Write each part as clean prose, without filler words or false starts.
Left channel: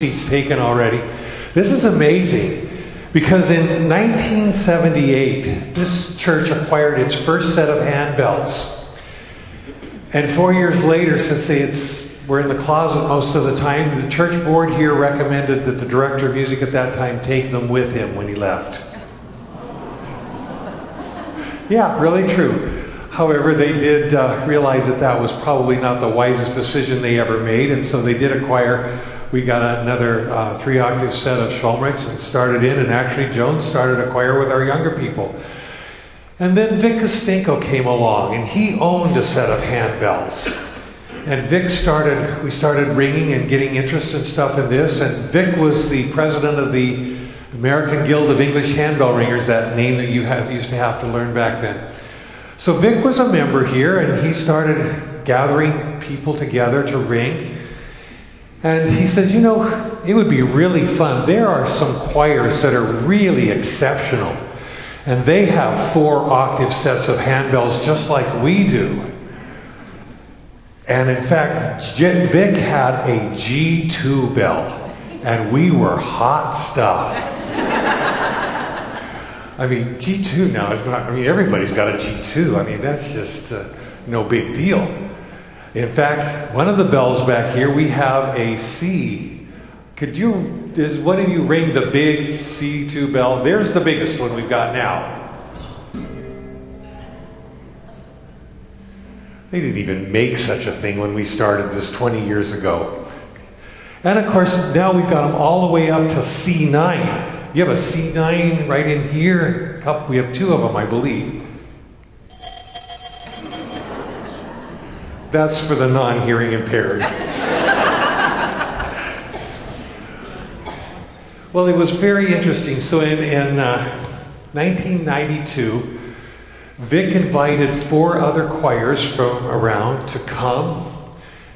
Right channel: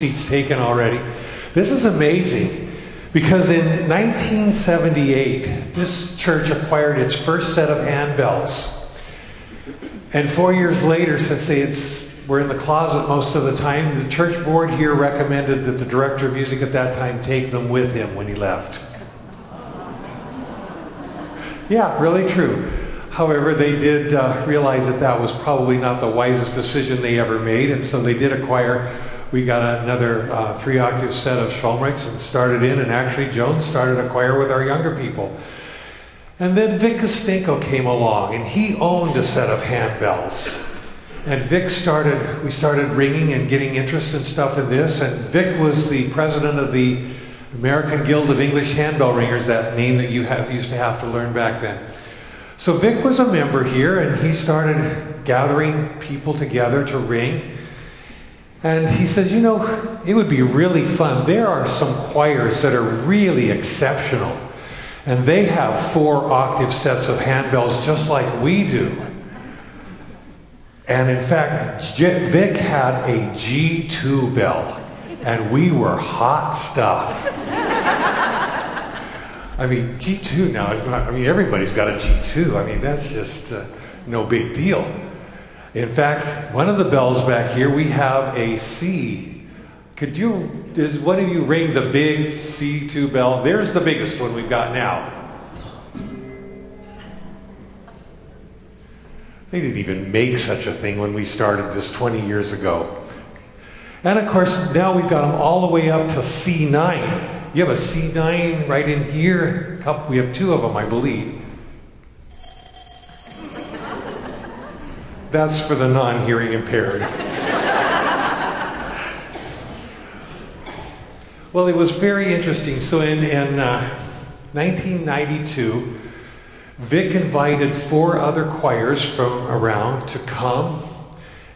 seats taken already. This is amazing because in 1978, this church acquired its first set of handbells. And 4 years later, since they were in the closet most of the time, the church board here recommended that the director of music at that time take them with him when he left. Yeah, really true. However, they did realize that that was probably not the wisest decision they ever made, and so they did acquire. We got another 3-octave set of Schulmrichs and started in, and actually Joan started a choir with our younger people. And then Vic Kostinko came along, and he owned a set of handbells. And we started ringing and getting interest and stuff in this, and Vic was the president of the American Guild of English Handbell Ringers, that name that you used to have to learn back then. So Vic was a member here, and he started gathering people together to ring. And he says, you know, it would be really fun. There are some choirs that are really exceptional, and they have 4-octave sets of handbells just like we do. And in fact, Vic had a G2 bell, and we were hot stuff. I mean, G2 now is not, I mean, everybody's got a G2. I mean, that's just no big deal. In fact, one of the bells back here, we have a C. Does one of you ring the big C2 bell? There's the biggest one we've got now. They didn't even make such a thing when we started this 20 years ago. And of course, now we've got them all the way up to C9. You have a C9 right in here. We have 2 of them, I believe. That's for the non-hearing impaired. Well, it was very interesting. So in 1992, Vic invited 4 other choirs from around to come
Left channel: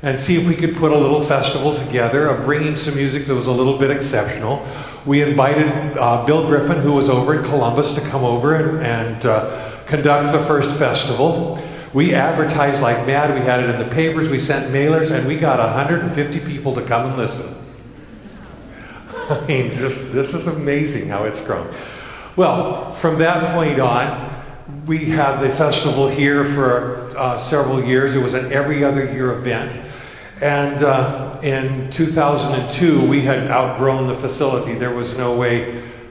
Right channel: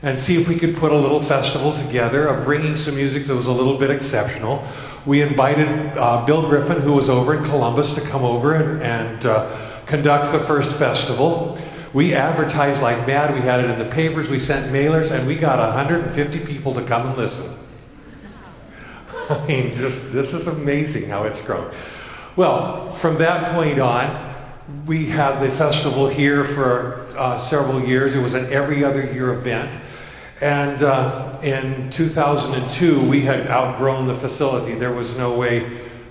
and see if we could put a little festival together of ringing some music that was a little bit exceptional. We invited Bill Griffin, who was over in Columbus, to come over and conduct the first festival. We advertised like mad. We had it in the papers. We sent mailers, and we got 150 people to come and listen. I mean, this is amazing how it's grown. Well, from that point on, we had the festival here for several years. It was an every other year event. And in 2002, we had outgrown the facility. There was no way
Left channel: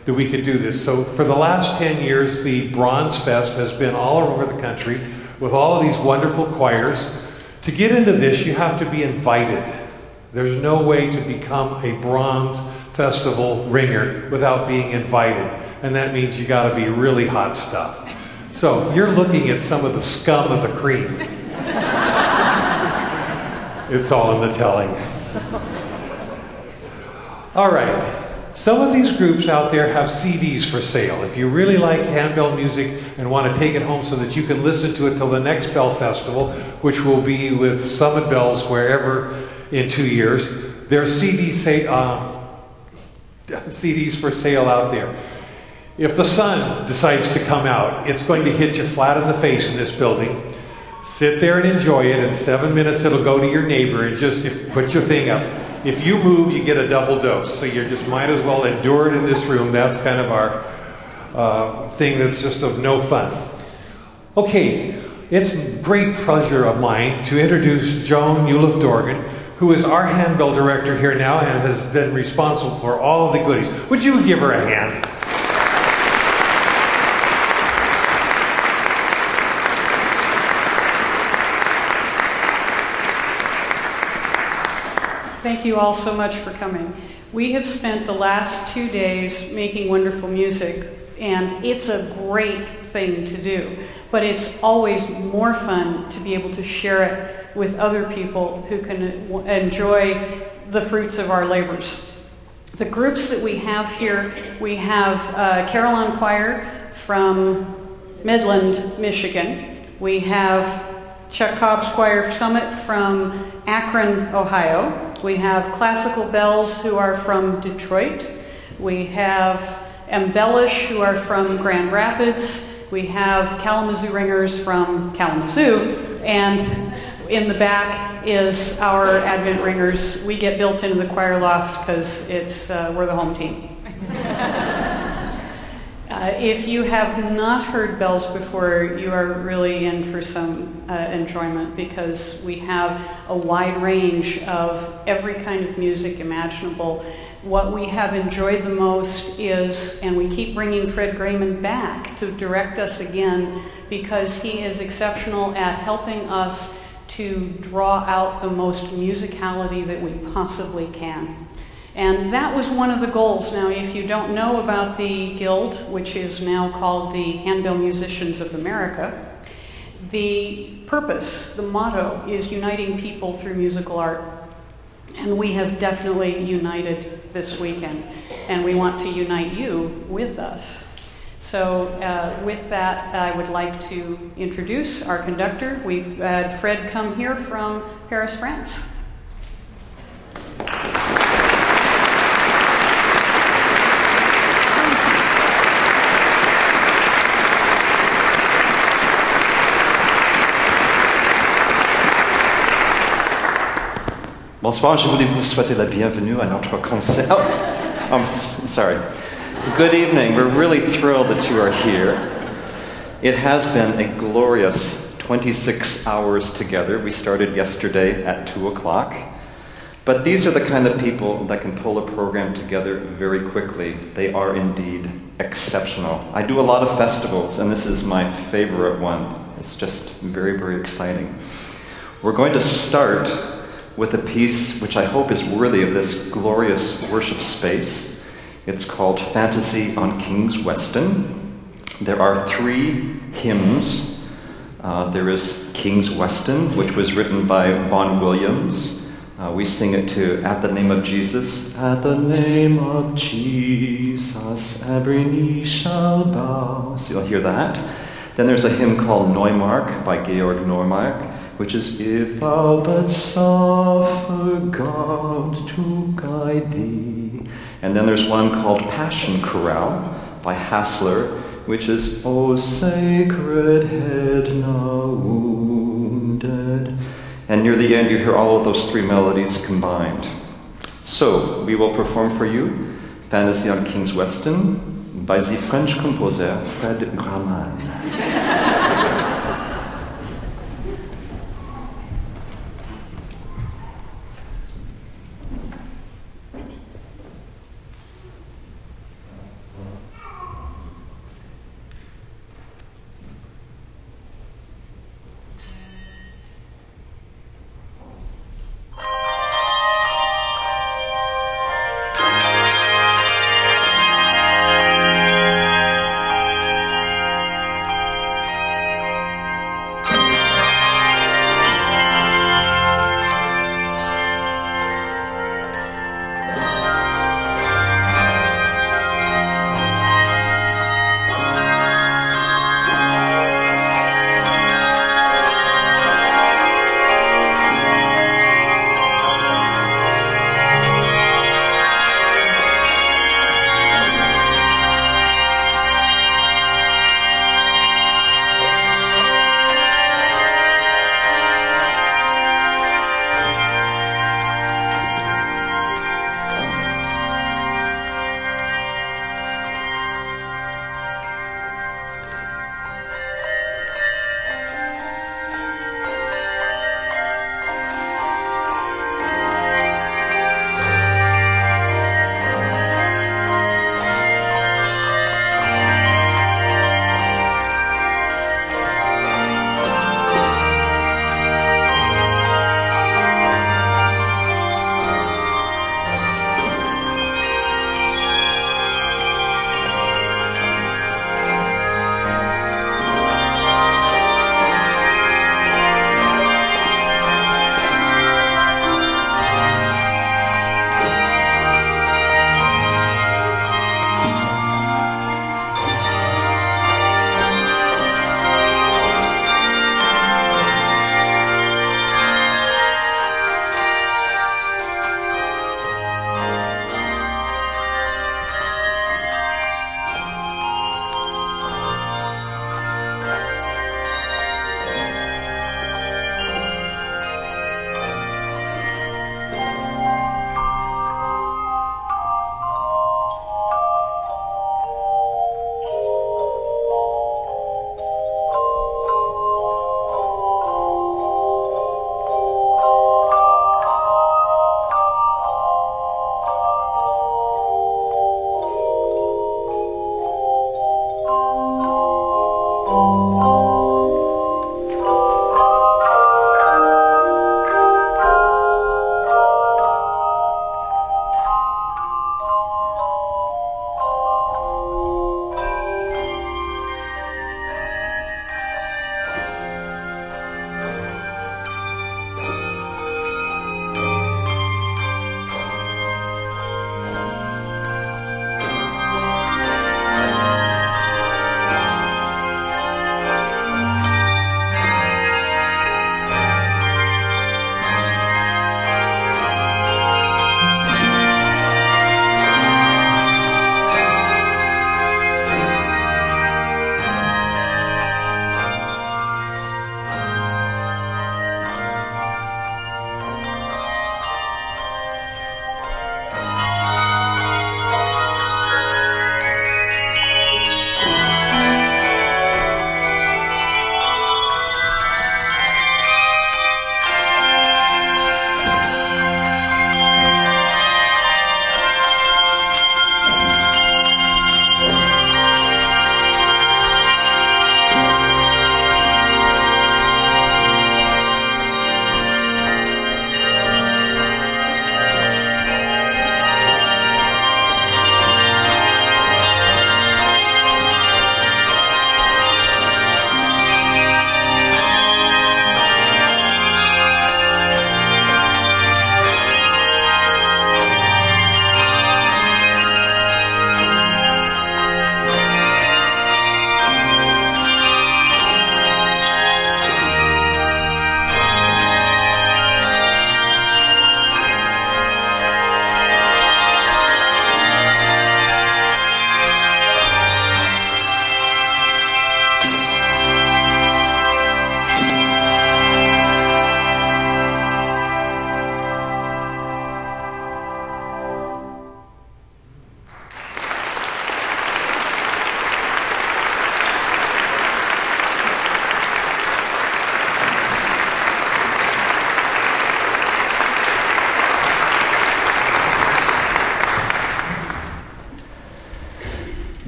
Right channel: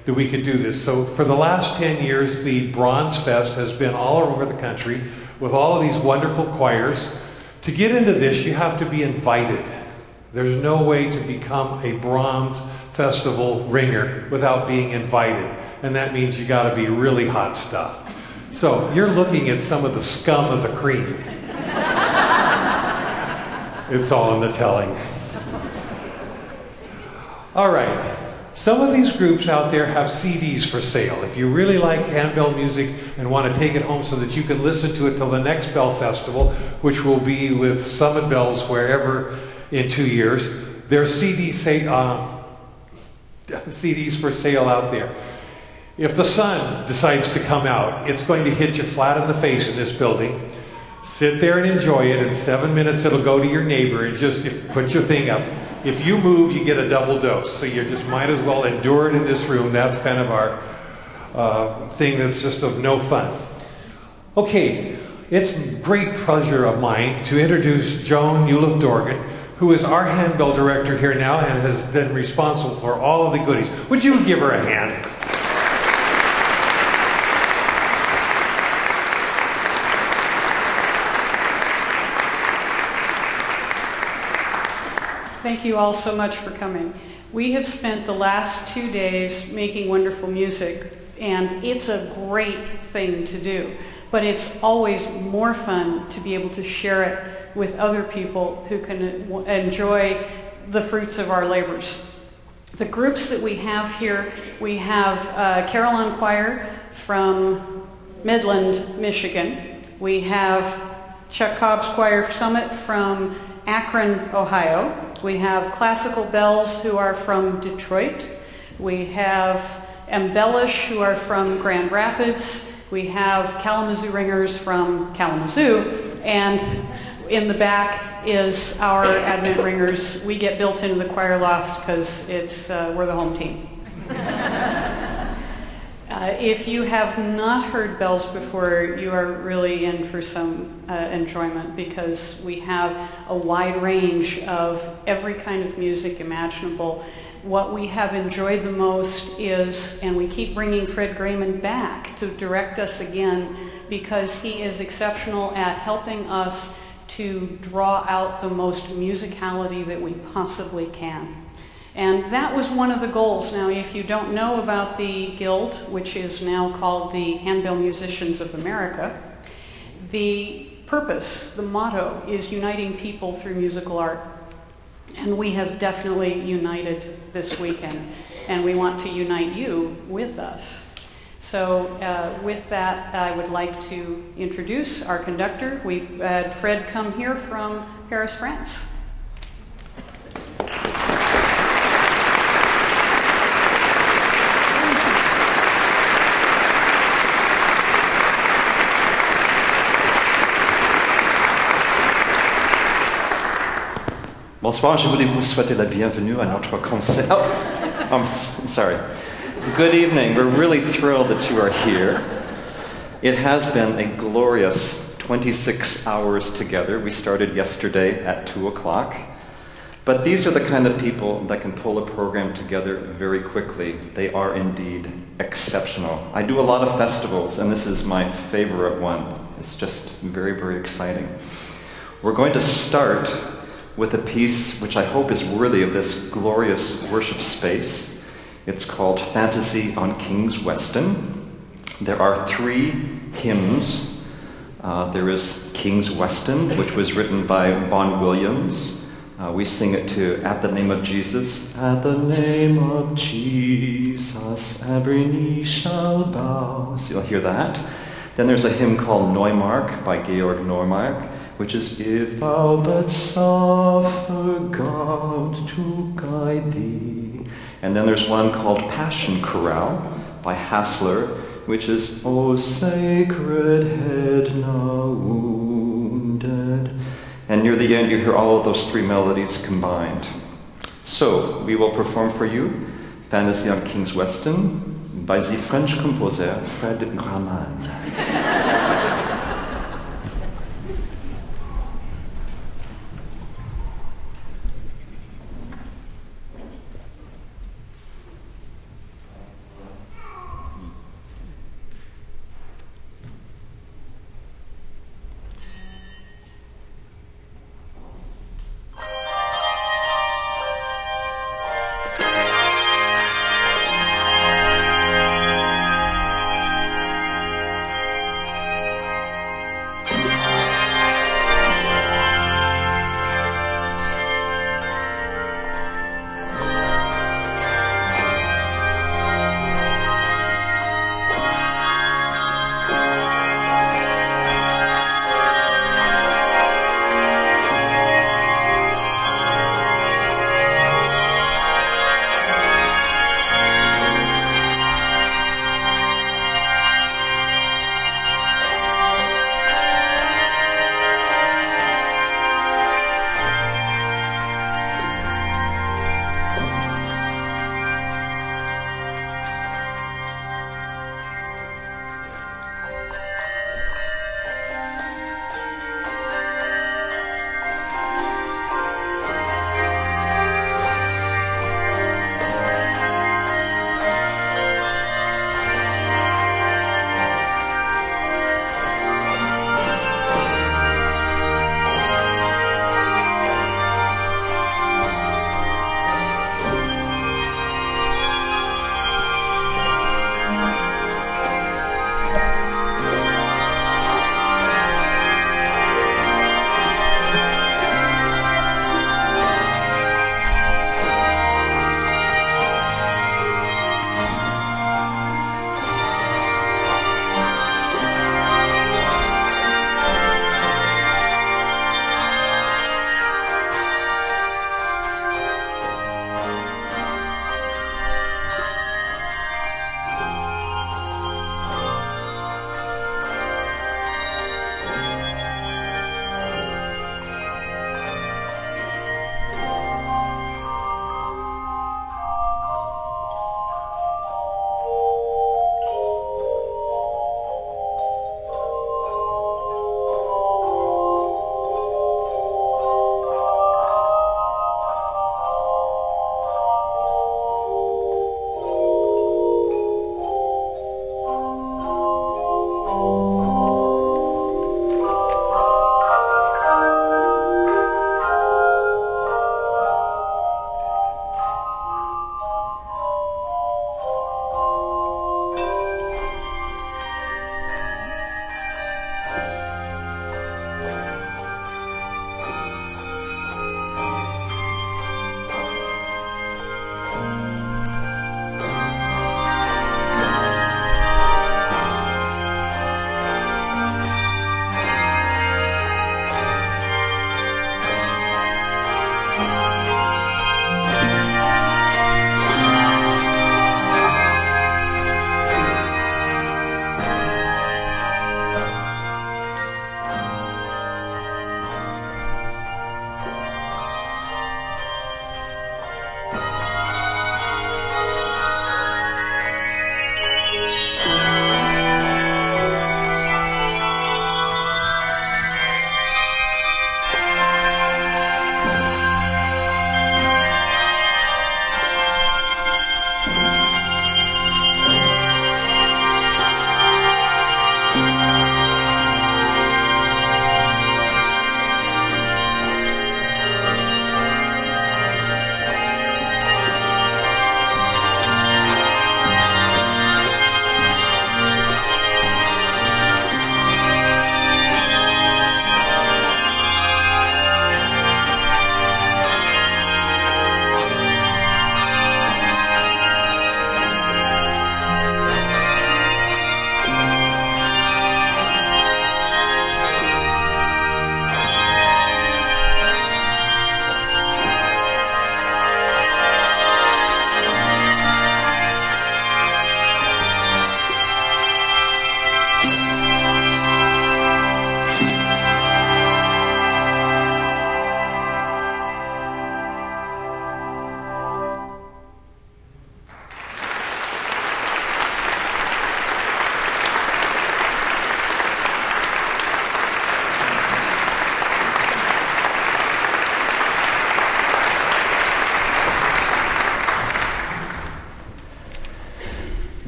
that we could do this. So for the last 10 years, the Bronze Fest has been all over the country with all of these wonderful choirs. To get into this, you have to be invited. There's no way to become a Bronze Festival ringer without being invited. And that means you got to be really hot stuff. So you're looking at some of the scum of the cream. It's all in the telling. All right. Some of these groups out there have CDs for sale. If you really like handbell music and want to take it home so that you can listen to it till the next Bell Festival, which will be with Summit Bells wherever in 2 years, there's CDs for sale out there. If the sun decides to come out, it's going to hit you flat in the face in this building. Sit there and enjoy it. In 7 minutes, it'll go to your neighbor and just put your thing up. If you move, you get a double dose. So you just might as well endure it in this room. That's kind of our thing that's just of no fun. Okay, it's a great pleasure of mine to introduce Joan Uliff-Dorgan, who is our handbell director here now and has been responsible for all of the goodies. Would you give her a hand? Thank you all so much for coming. We have spent the last 2 days making wonderful music, and it's a great thing to do. But it's always more fun to be able to share it with other people who can enjoy the fruits of our labors. The groups that we have here, we have Carillon Choir from Midland, Michigan. We have Chuck Cobb's Choir Summit from Akron, Ohio. We have Classical Bells, who are from Detroit. We have Embellish, who are from Grand Rapids. We have Kalamazoo Ringers from Kalamazoo. And In the back is our Advent ringers. We get built into the choir loft because we're the home team. If you have not heard bells before, you are really in for some enjoyment, because we have a wide range of every kind of music imaginable. What we have enjoyed the most is, and we keep bringing Fred Grayman back to direct us again, because he is exceptional at helping us to draw out the most musicality that we possibly can. And that was one of the goals. Now, if you don't know about the Guild, which is now called the Handbell Musicians of America, the purpose, the motto, is uniting people through musical art. And we have definitely united this weekend, and we want to unite you with us. So with that, I would like to introduce our conductor. We've had Fred come here from Paris, France. Bonsoir, je voulais vous souhaiter la bienvenue à notre concert. Oh, I'm sorry. Good evening. We're really thrilled that you are here. It has been a glorious 26 hours together. We started yesterday at 2 o'clock. But these are the kind of people that can pull a program together very quickly. They are indeed exceptional. I do a lot of festivals, and this is my favorite one. It's just very, very exciting. We're going to start with a piece which I hope is worthy of this glorious worship space. It's called Fantasy on King's Weston. There are 3 hymns. There is King's Weston, which was written by Vaughan Williams. We sing it to At the Name of Jesus. At the name of Jesus, every knee shall bow. So you'll hear that. Then there's a hymn called Neumark by Georg Neumark, which is, If thou but suffer God to guide thee. And then there's one called Passion Chorale by Hassler, which is, O sacred head now wounded. And near the end you hear all of those 3 melodies combined. So we will perform for you Fantasy on King's Weston by the French composer Fred Grayman.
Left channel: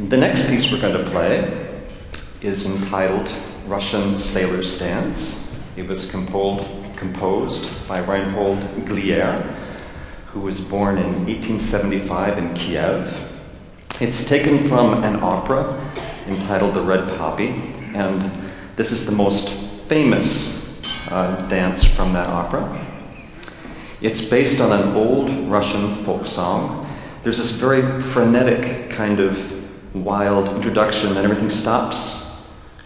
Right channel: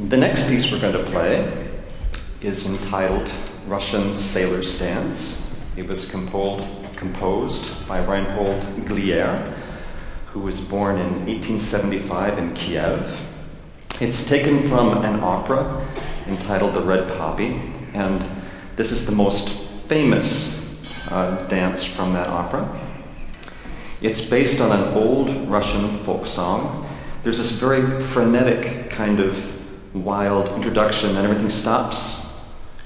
The next piece we're going to play is entitled Russian Sailor's Dance. It was composed by Reinhold Glier, who was born in 1875 in Kiev. It's taken from an opera entitled The Red Poppy, and this is the most famous dance from that opera. It's based on an old Russian folk song. There's this very frenetic kind of wild introduction, and everything stops,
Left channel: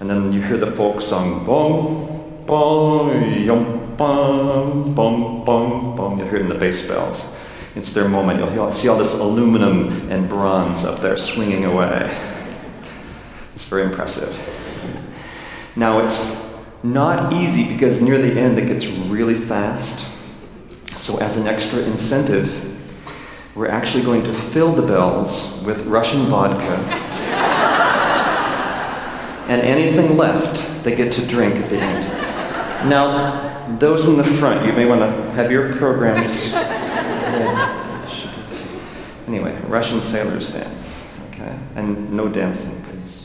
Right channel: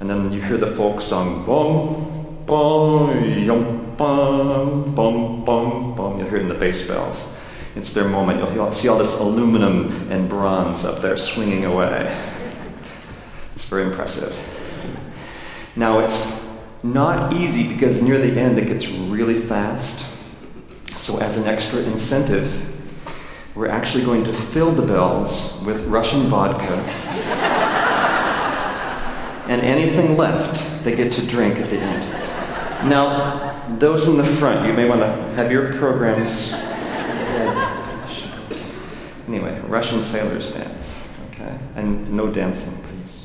and then you hear the folk song, bom, bom, yum, bum, bum, bum, bum. You'll hear it in the bass bells. It's their moment. You'll see all this aluminum and bronze up there swinging away. It's very impressive. Now, it's not easy because near the end it gets really fast. So as an extra incentive, we're actually going to fill the bells with Russian vodka, and anything left they get to drink at the end. Now, those in the front, you may want to have your programs ready. Anyway, Russian Sailor's Dance, okay? And no dancing, please.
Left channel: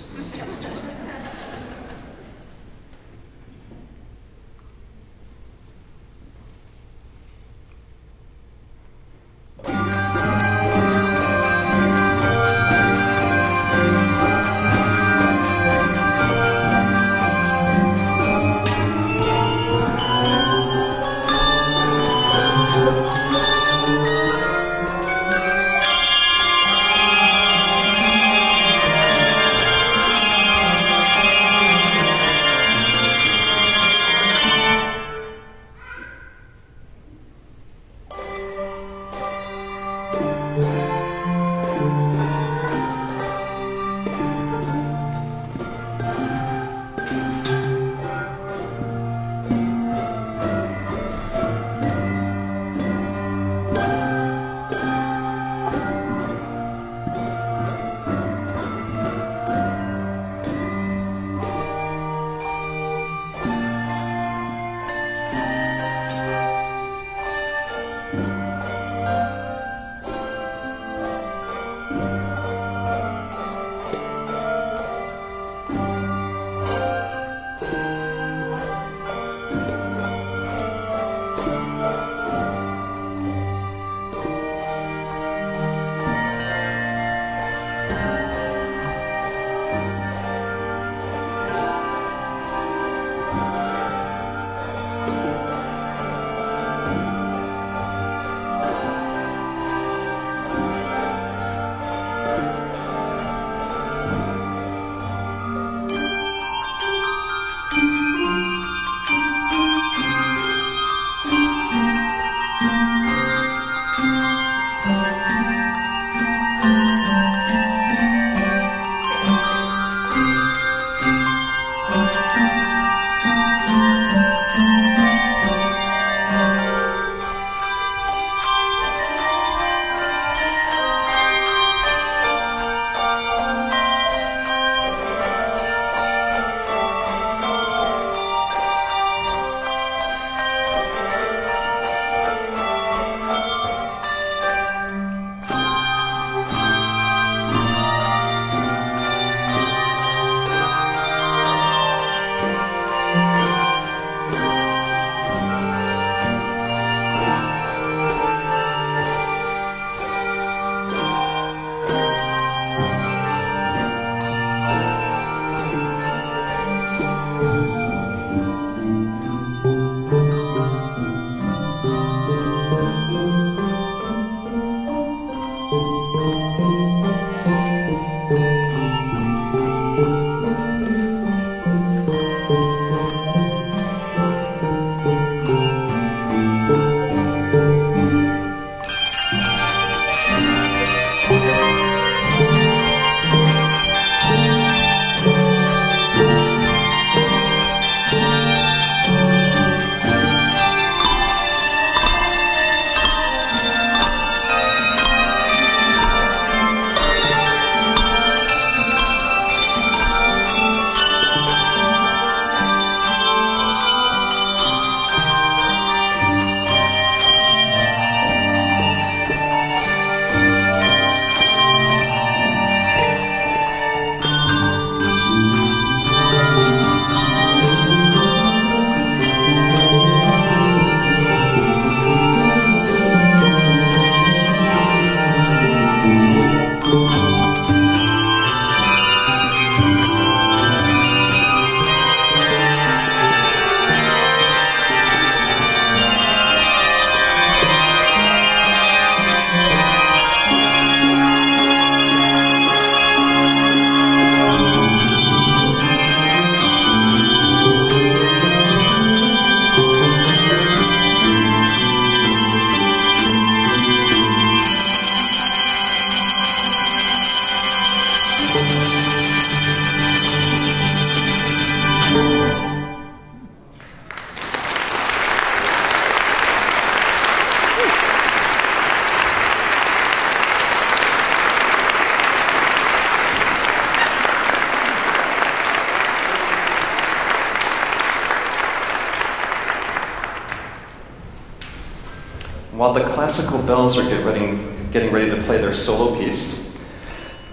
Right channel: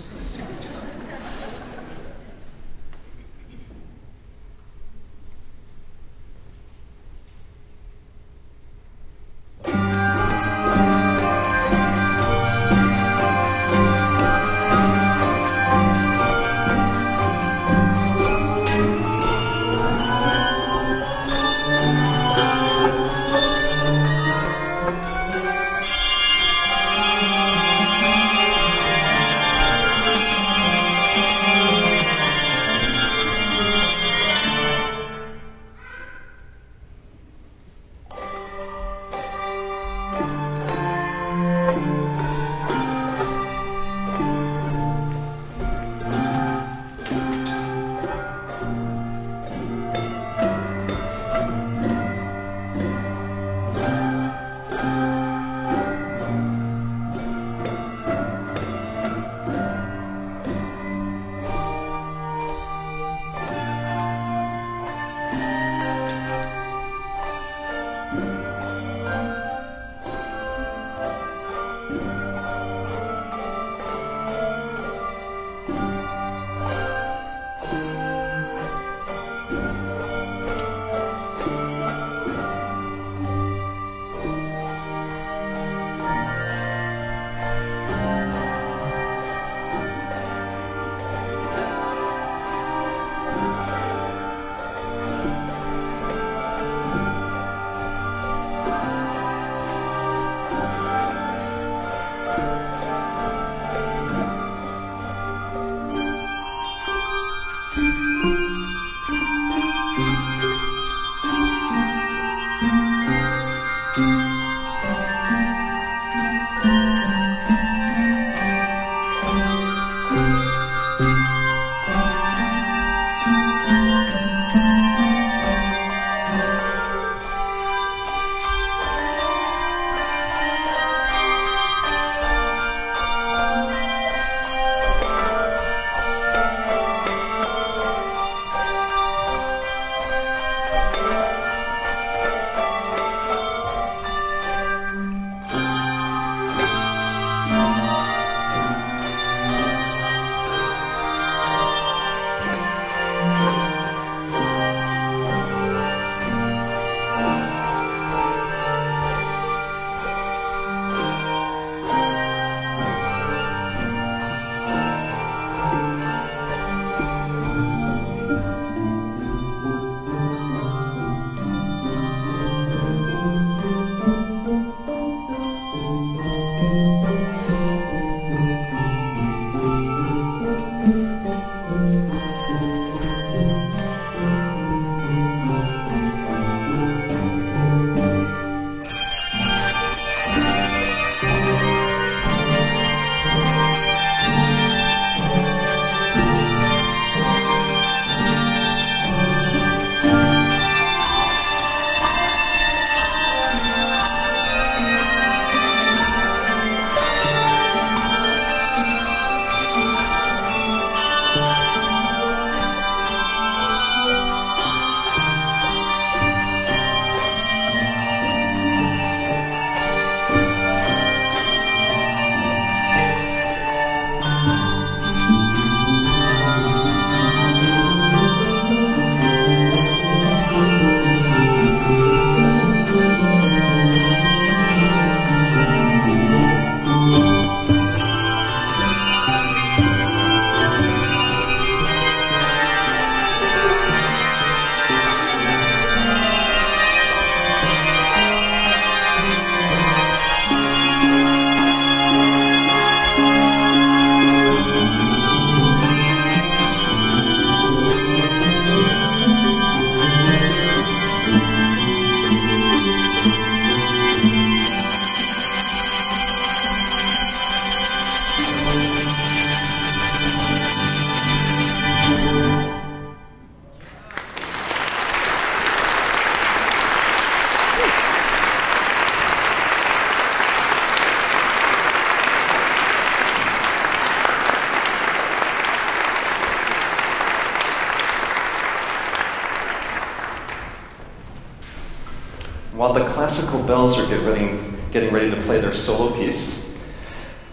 while the classical bells are getting ready to play their solo piece,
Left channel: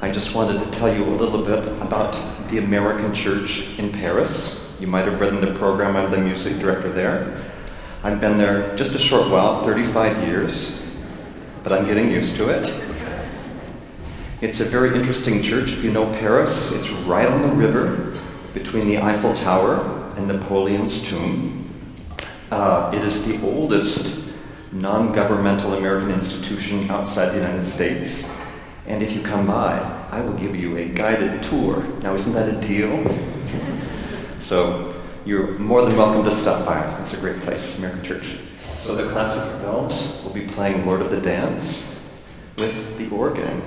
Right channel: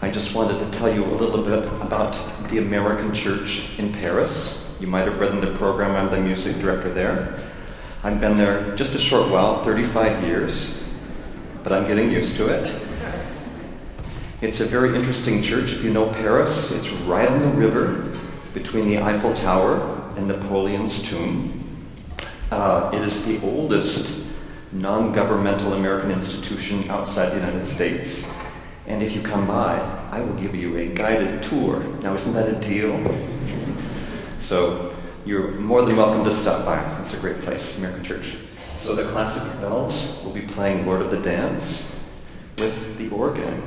I just wanted to tell you a little bit about the American Church in Paris. You might have read in the program, I'm the music director there. I've been there just a short while, 35 years, but I'm getting used to it. It's a very interesting church. If you know Paris, it's right on the river between the Eiffel Tower and Napoleon's tomb. It is the oldest non-governmental American institution outside the United States. And if you come by, I will give you a guided tour. Now, isn't that a deal? So you're more than welcome to stop by. It's a great place, American Church. So the classical bells will be playing Lord of the Dance with the organ.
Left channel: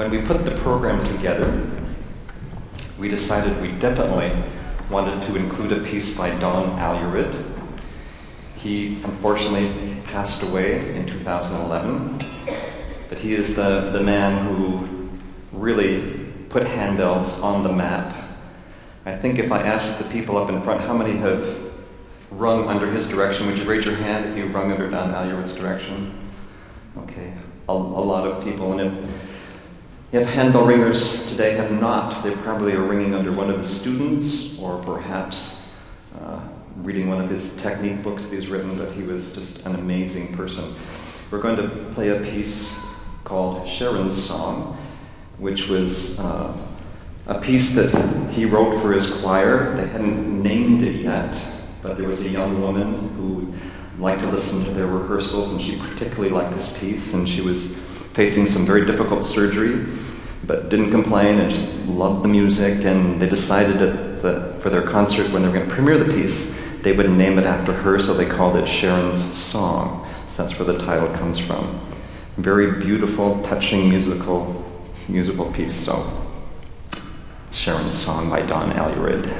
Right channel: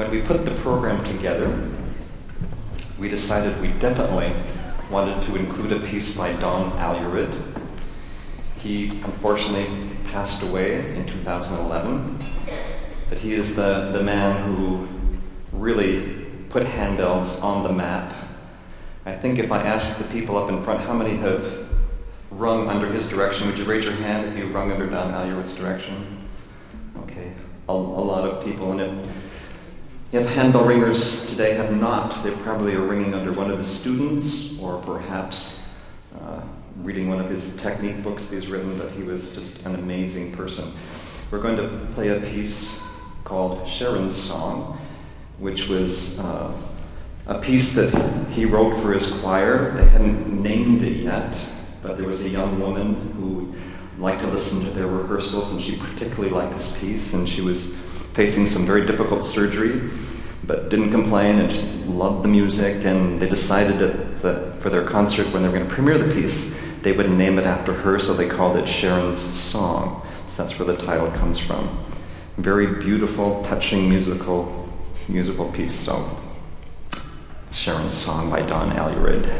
When we put the program together, we decided we definitely wanted to include a piece by Don Alured. He unfortunately passed away in 2011, but he is the man who really put handbells on the map. I think if I asked the people up in front how many have rung under his direction, would you raise your hand if you rung under Don Alured's direction? Okay, a lot of people. And if handbell ringers today have not, they probably are ringing under one of his students, or perhaps reading one of his technique books that he's written, but he was just an amazing person. We're going to play a piece called Sharon's Song, which was a piece that he wrote for his choir. They hadn't named it yet, but there was a young woman who liked to listen to their rehearsals, and she particularly liked this piece, and she was facing some very difficult surgery, but didn't complain and just loved the music, and they decided that for their concert, when they were going to premiere the piece, they would name it after her, so they called it Sharon's Song. So that's where the title comes from. Very beautiful, touching musical piece. So, Sharon's Song by Don Alured.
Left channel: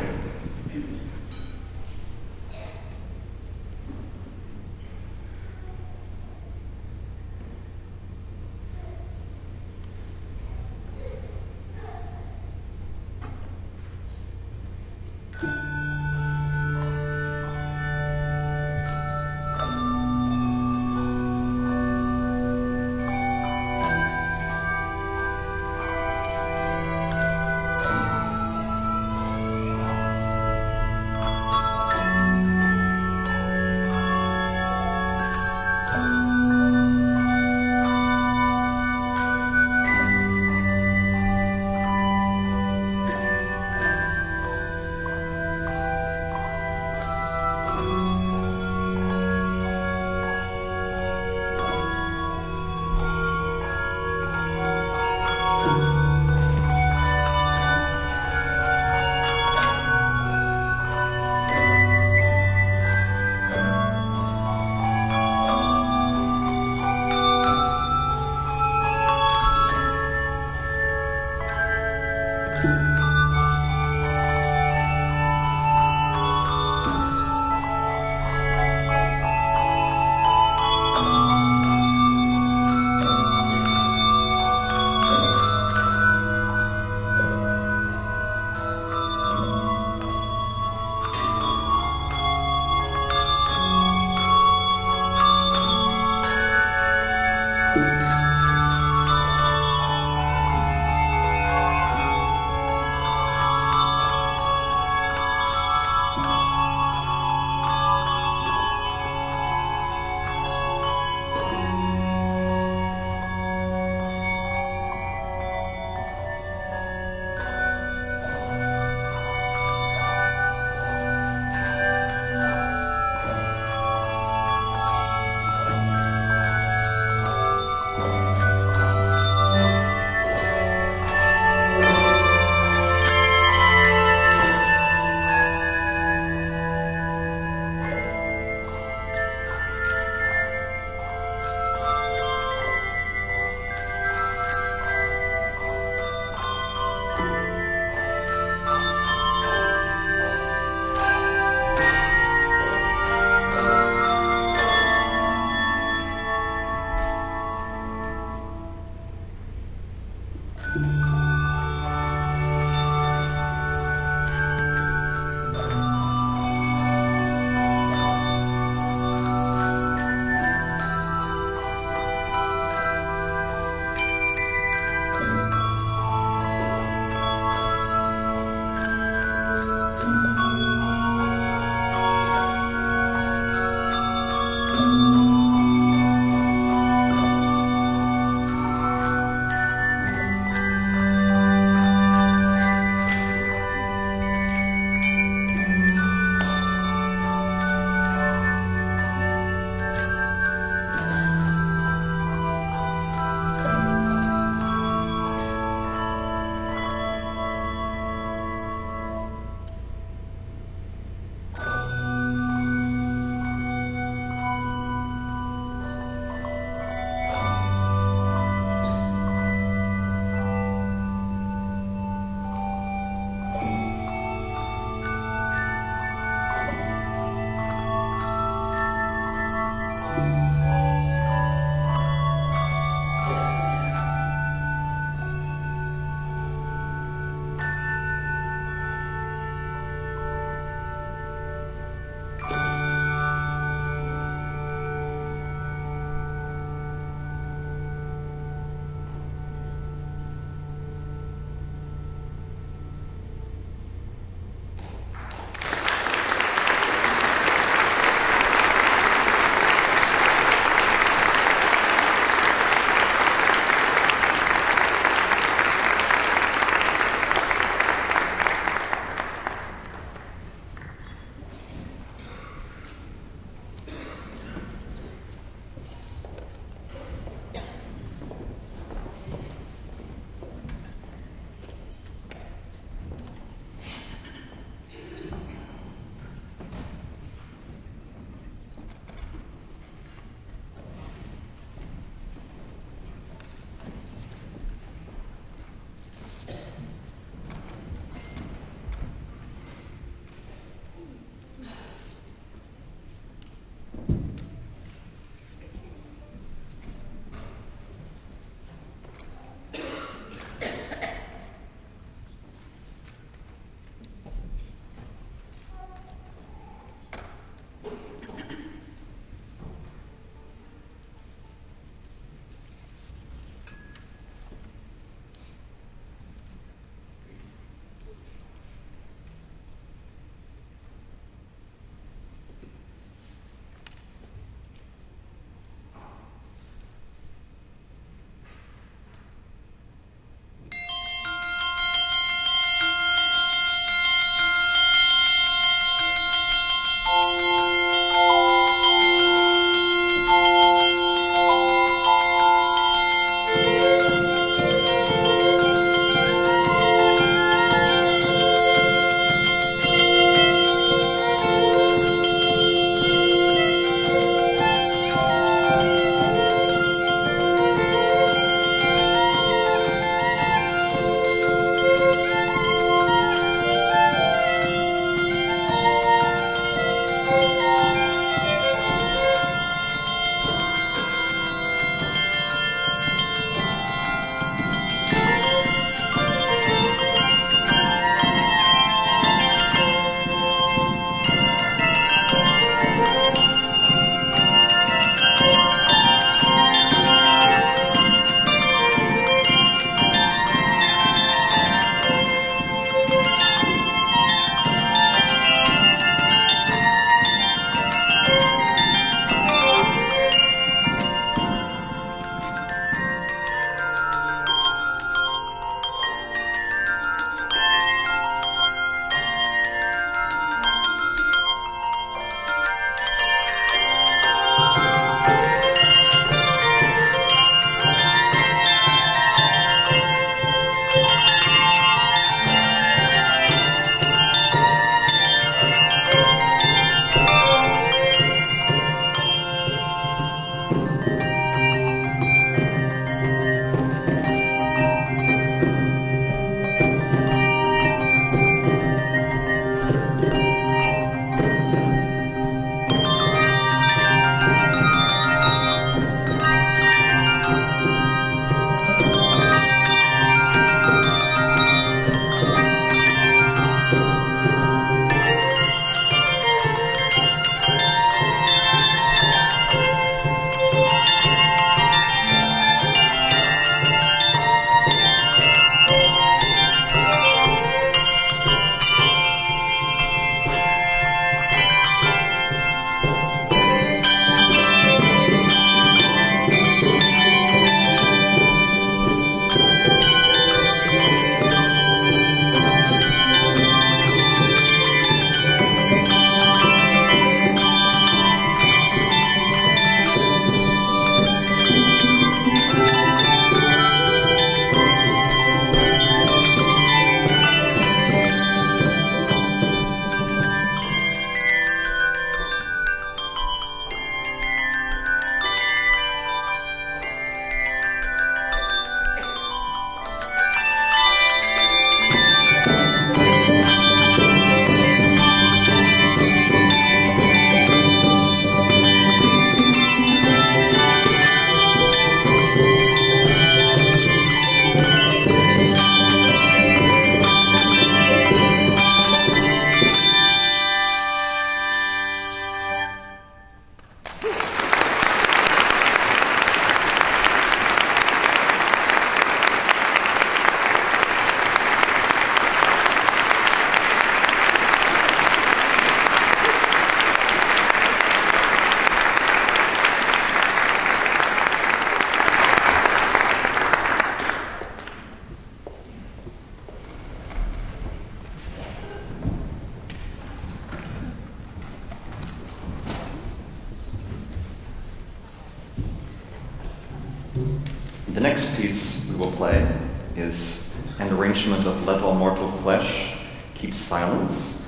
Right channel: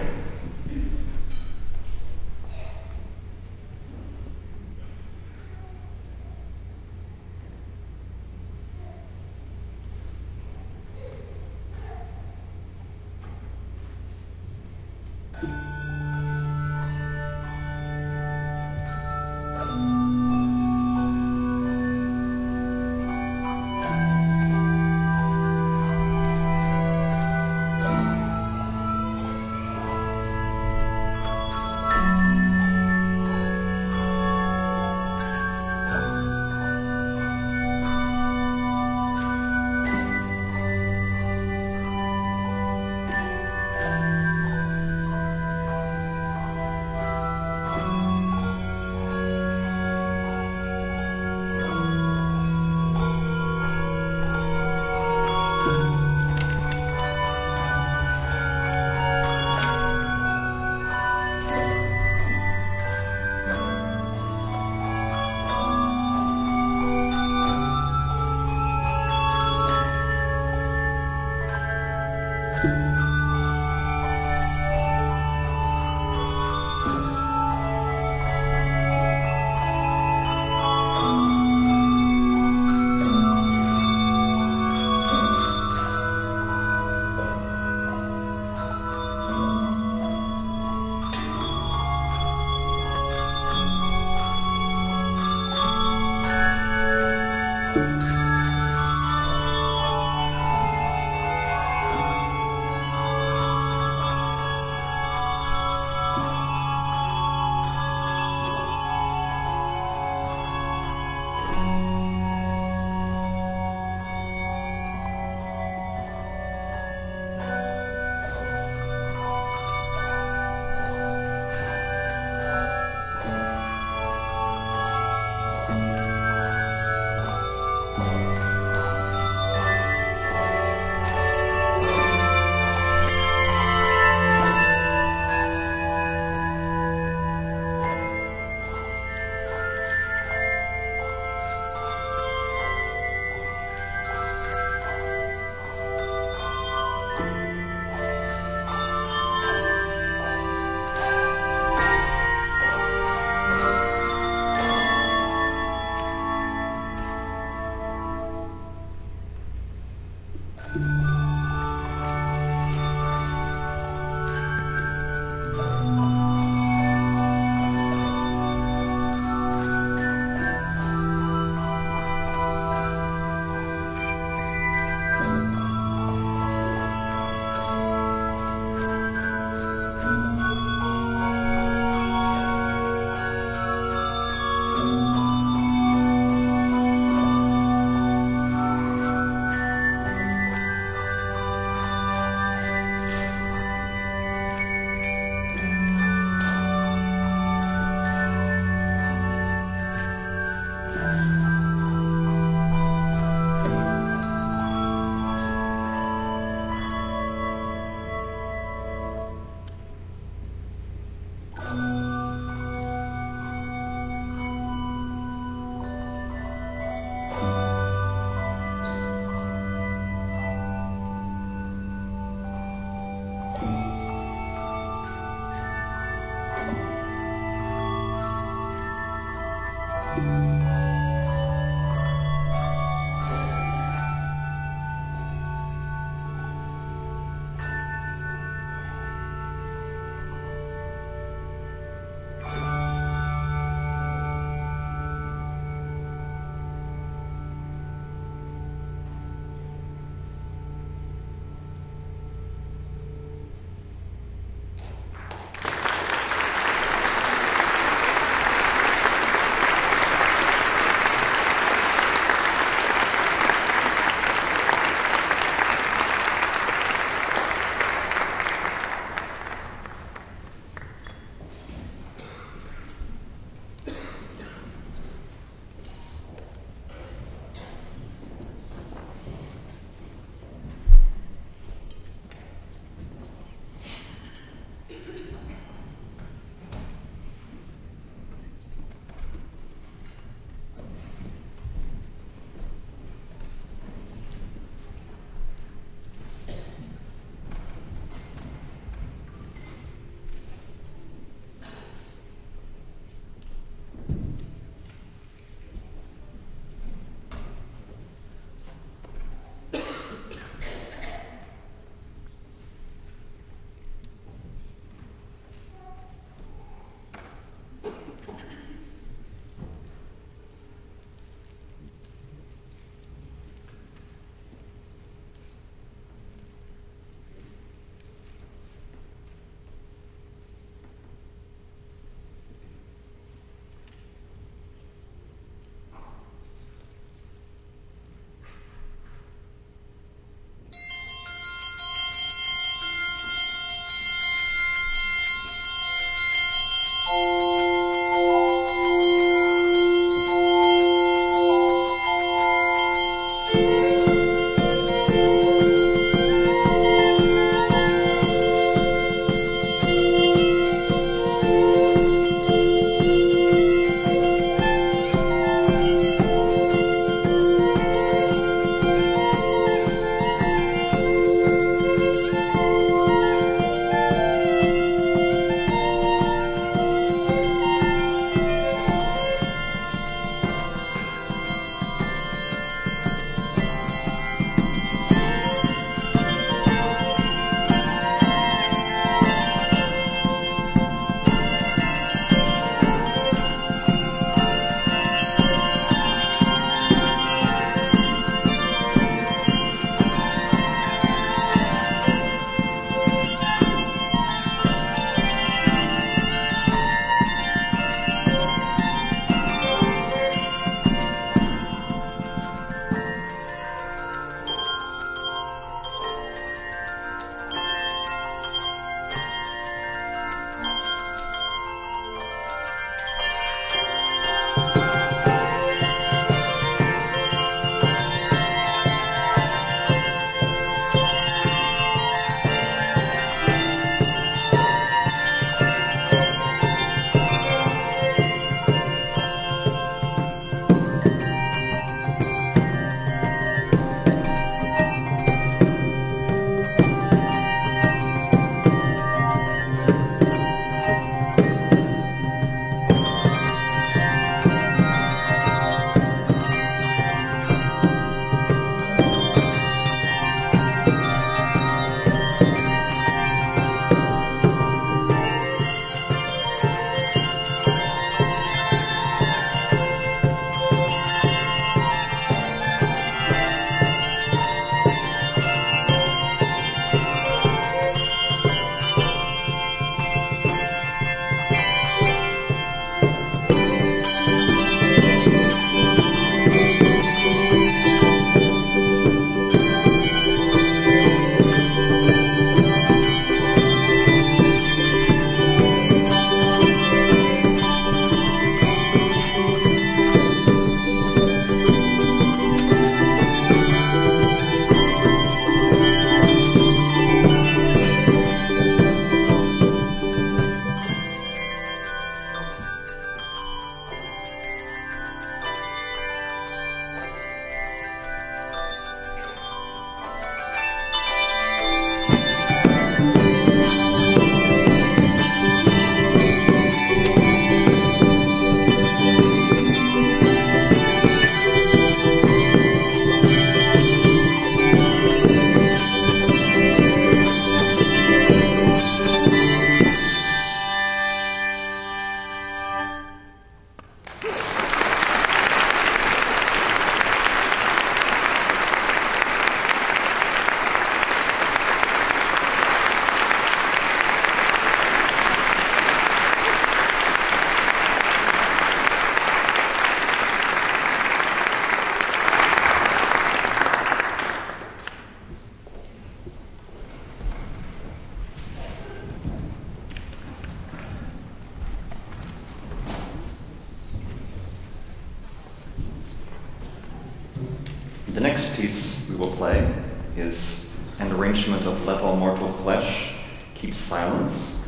The next piece we will play is an arrangement of Let All Mortal Flesh Keep Silence,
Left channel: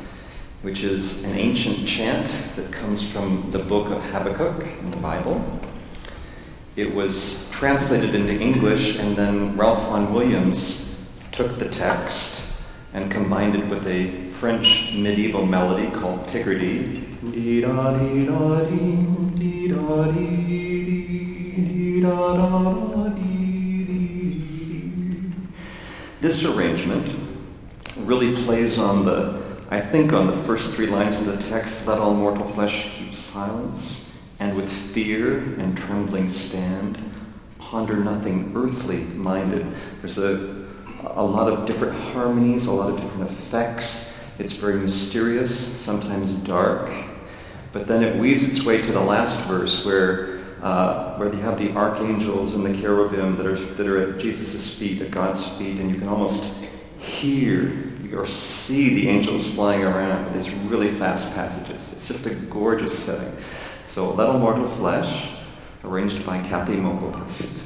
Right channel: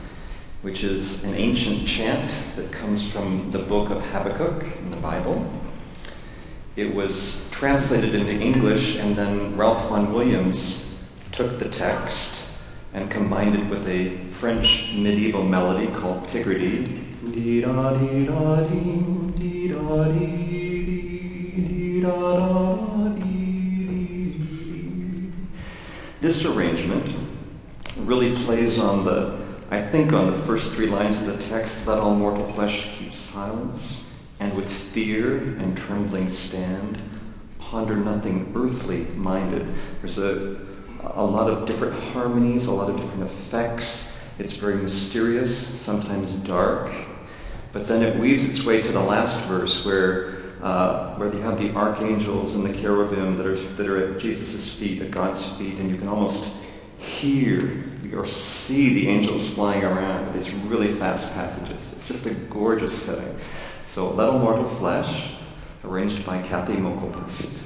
which is an ancient chant that comes from the book of Habakkuk in the Bible. It was translated into English, and then Ralph Vaughan Williams took the text and combined it with a French medieval melody called Picardy. This arrangement really plays on the first three lines of the text, let all mortal flesh keep silence, and with fear and trembling stand, ponder nothing earthly minded. There's a lot of different harmonies, a lot of different effects. It's very mysterious, sometimes dark, but then it weaves its way to the last verse where you have the archangels and the cherubim that are at Jesus' feet, at God's feet, and you can almost hear or see the angels flying around with these really fast passages. It's just a gorgeous setting. So, Let All Mortal Flesh, arranged by Kathy Mokelpust.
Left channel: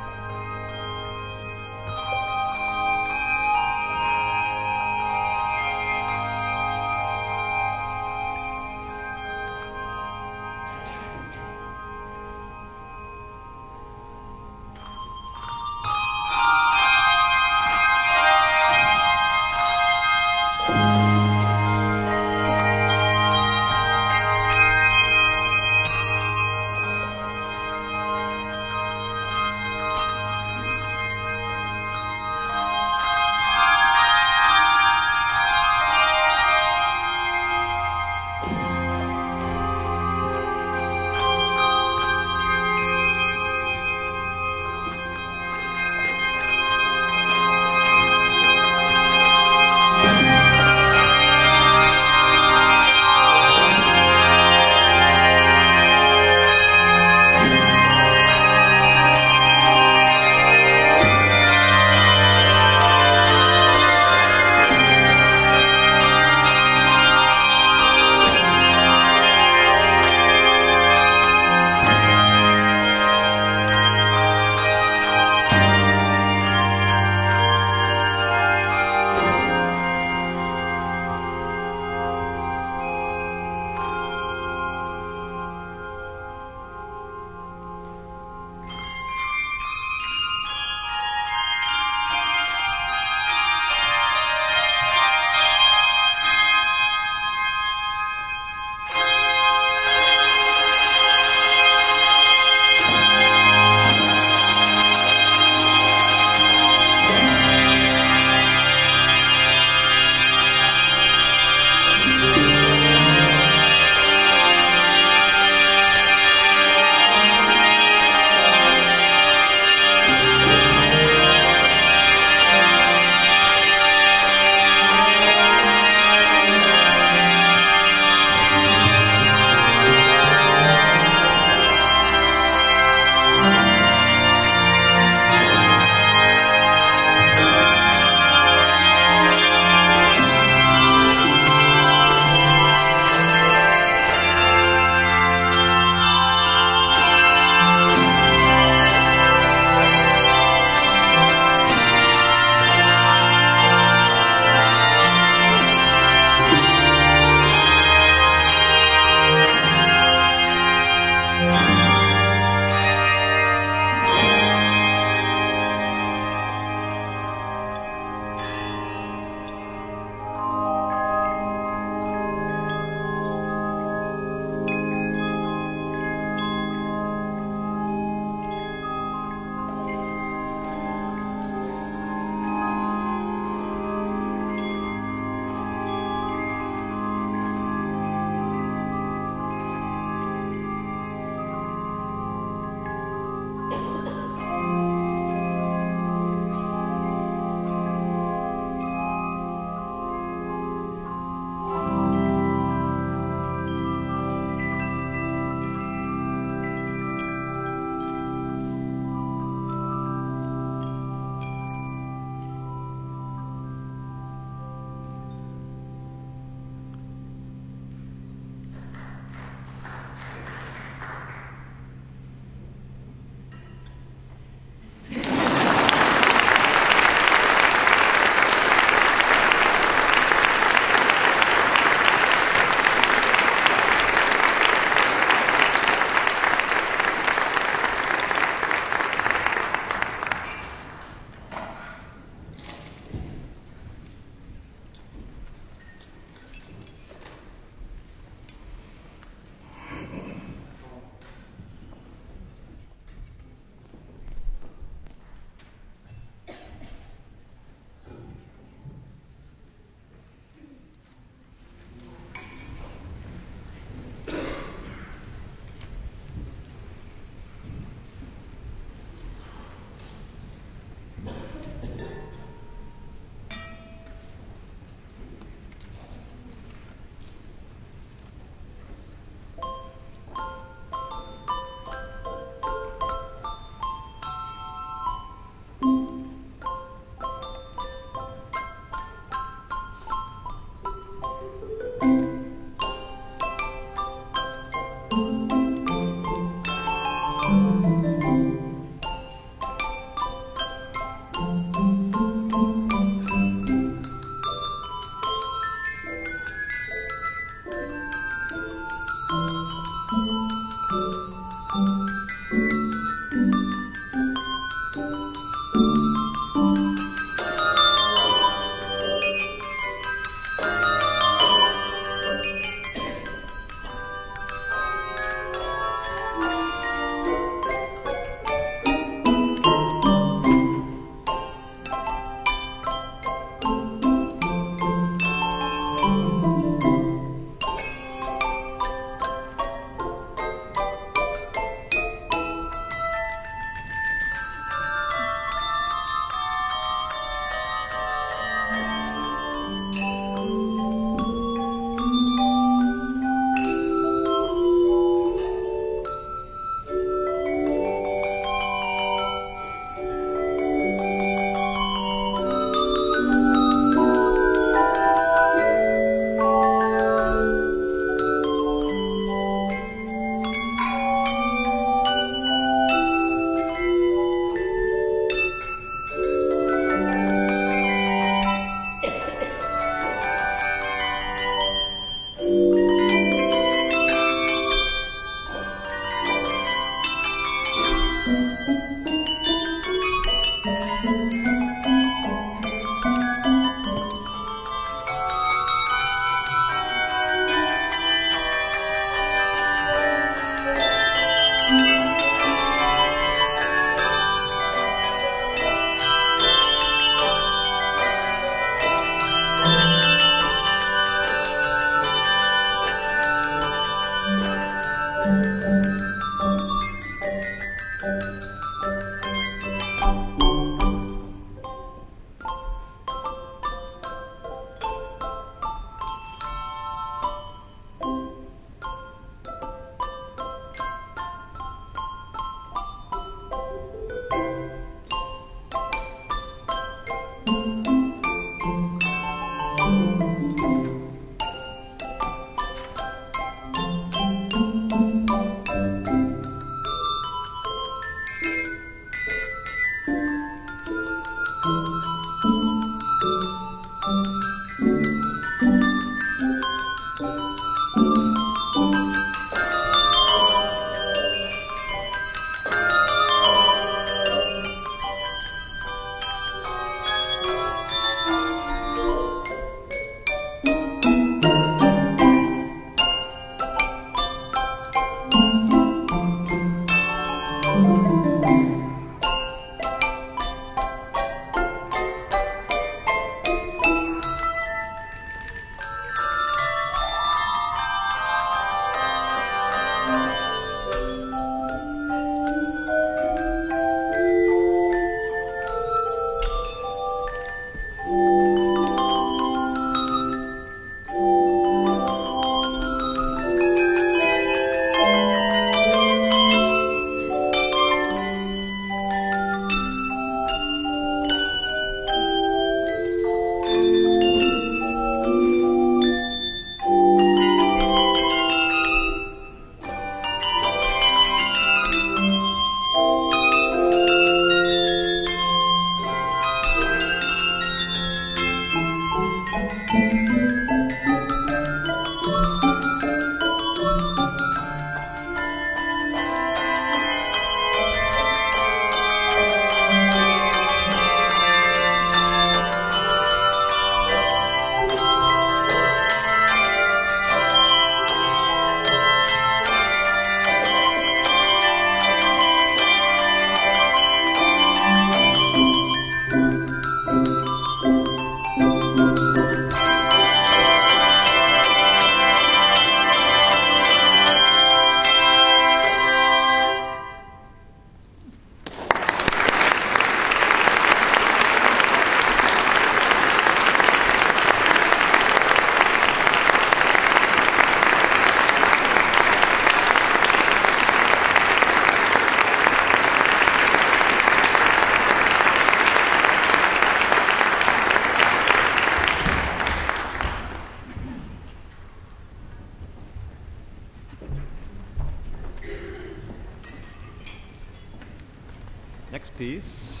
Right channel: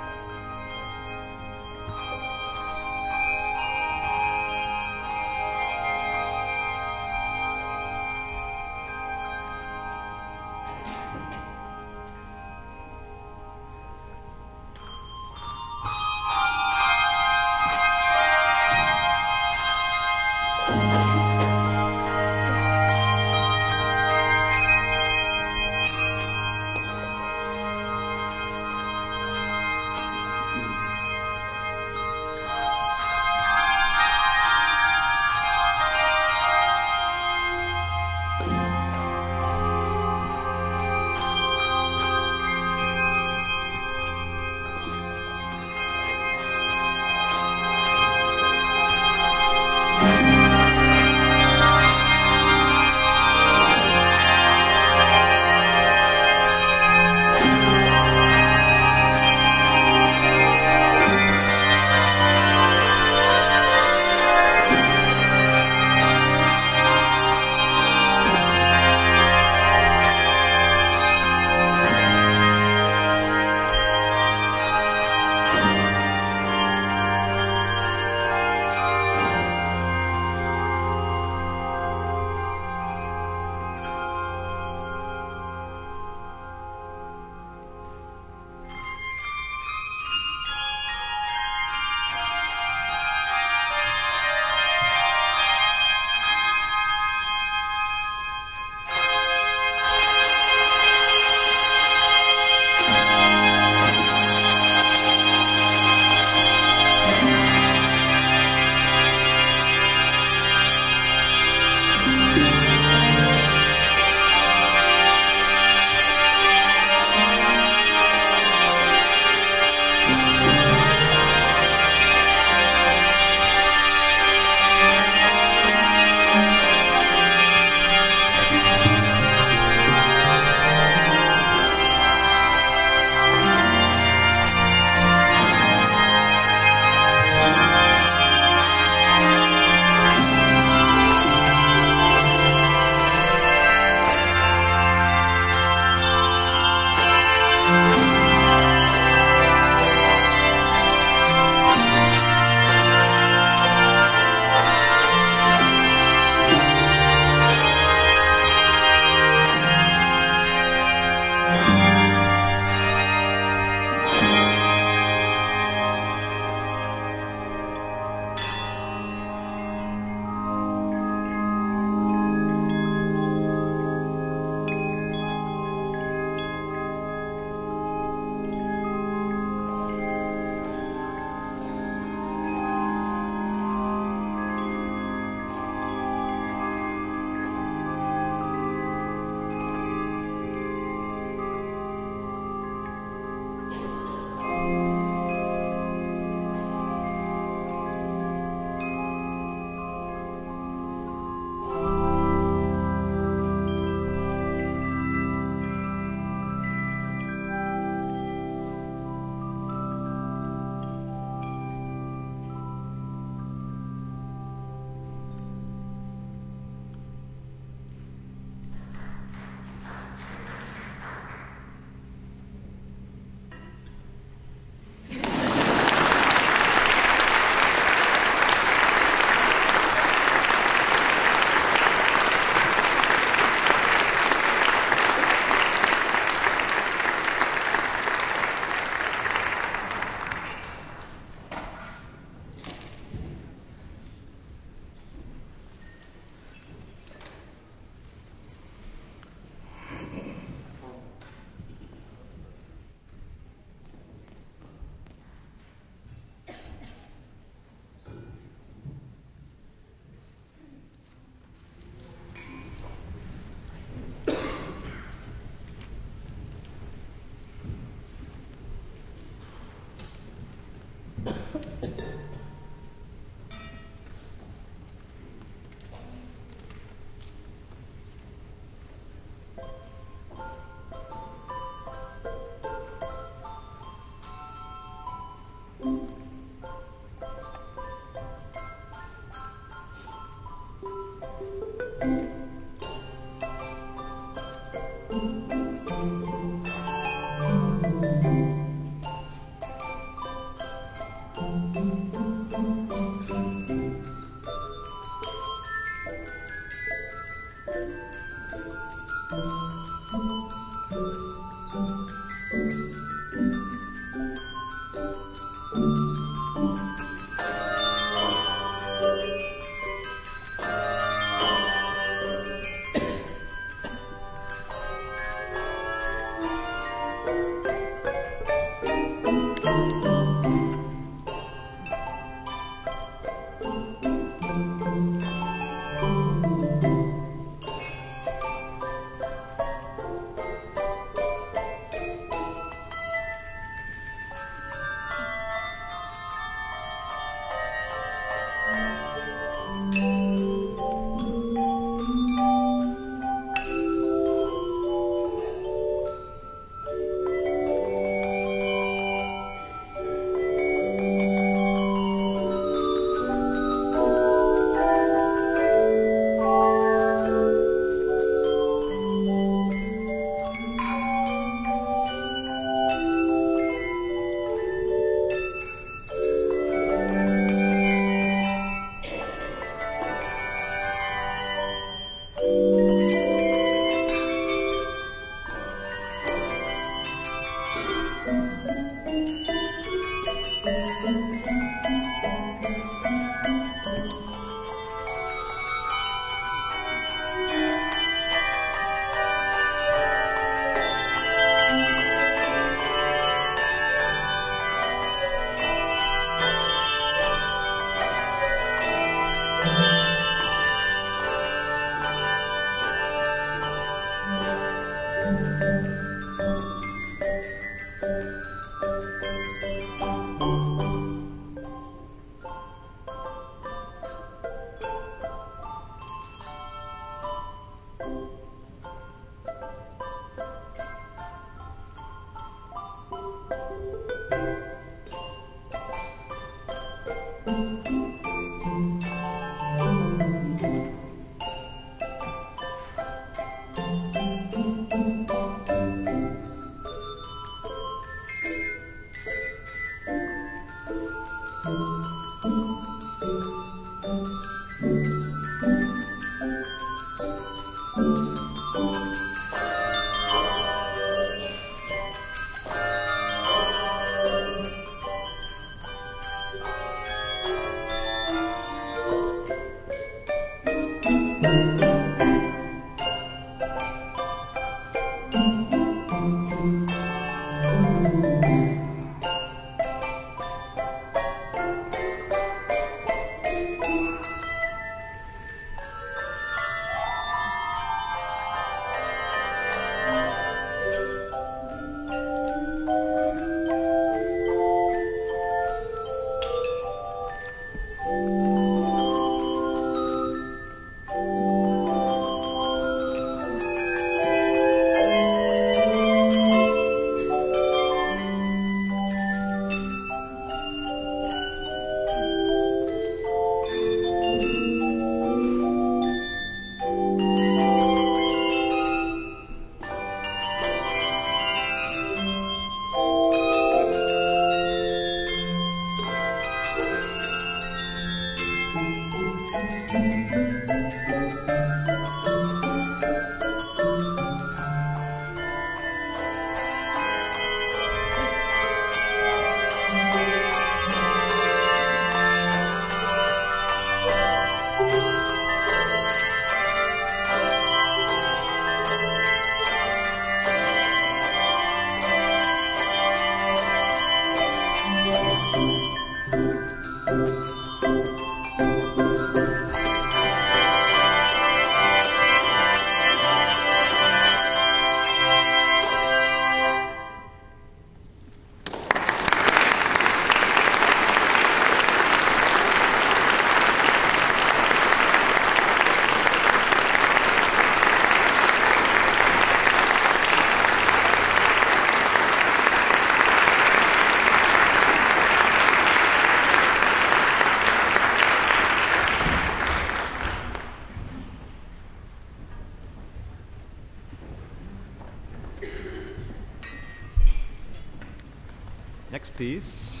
Next piece.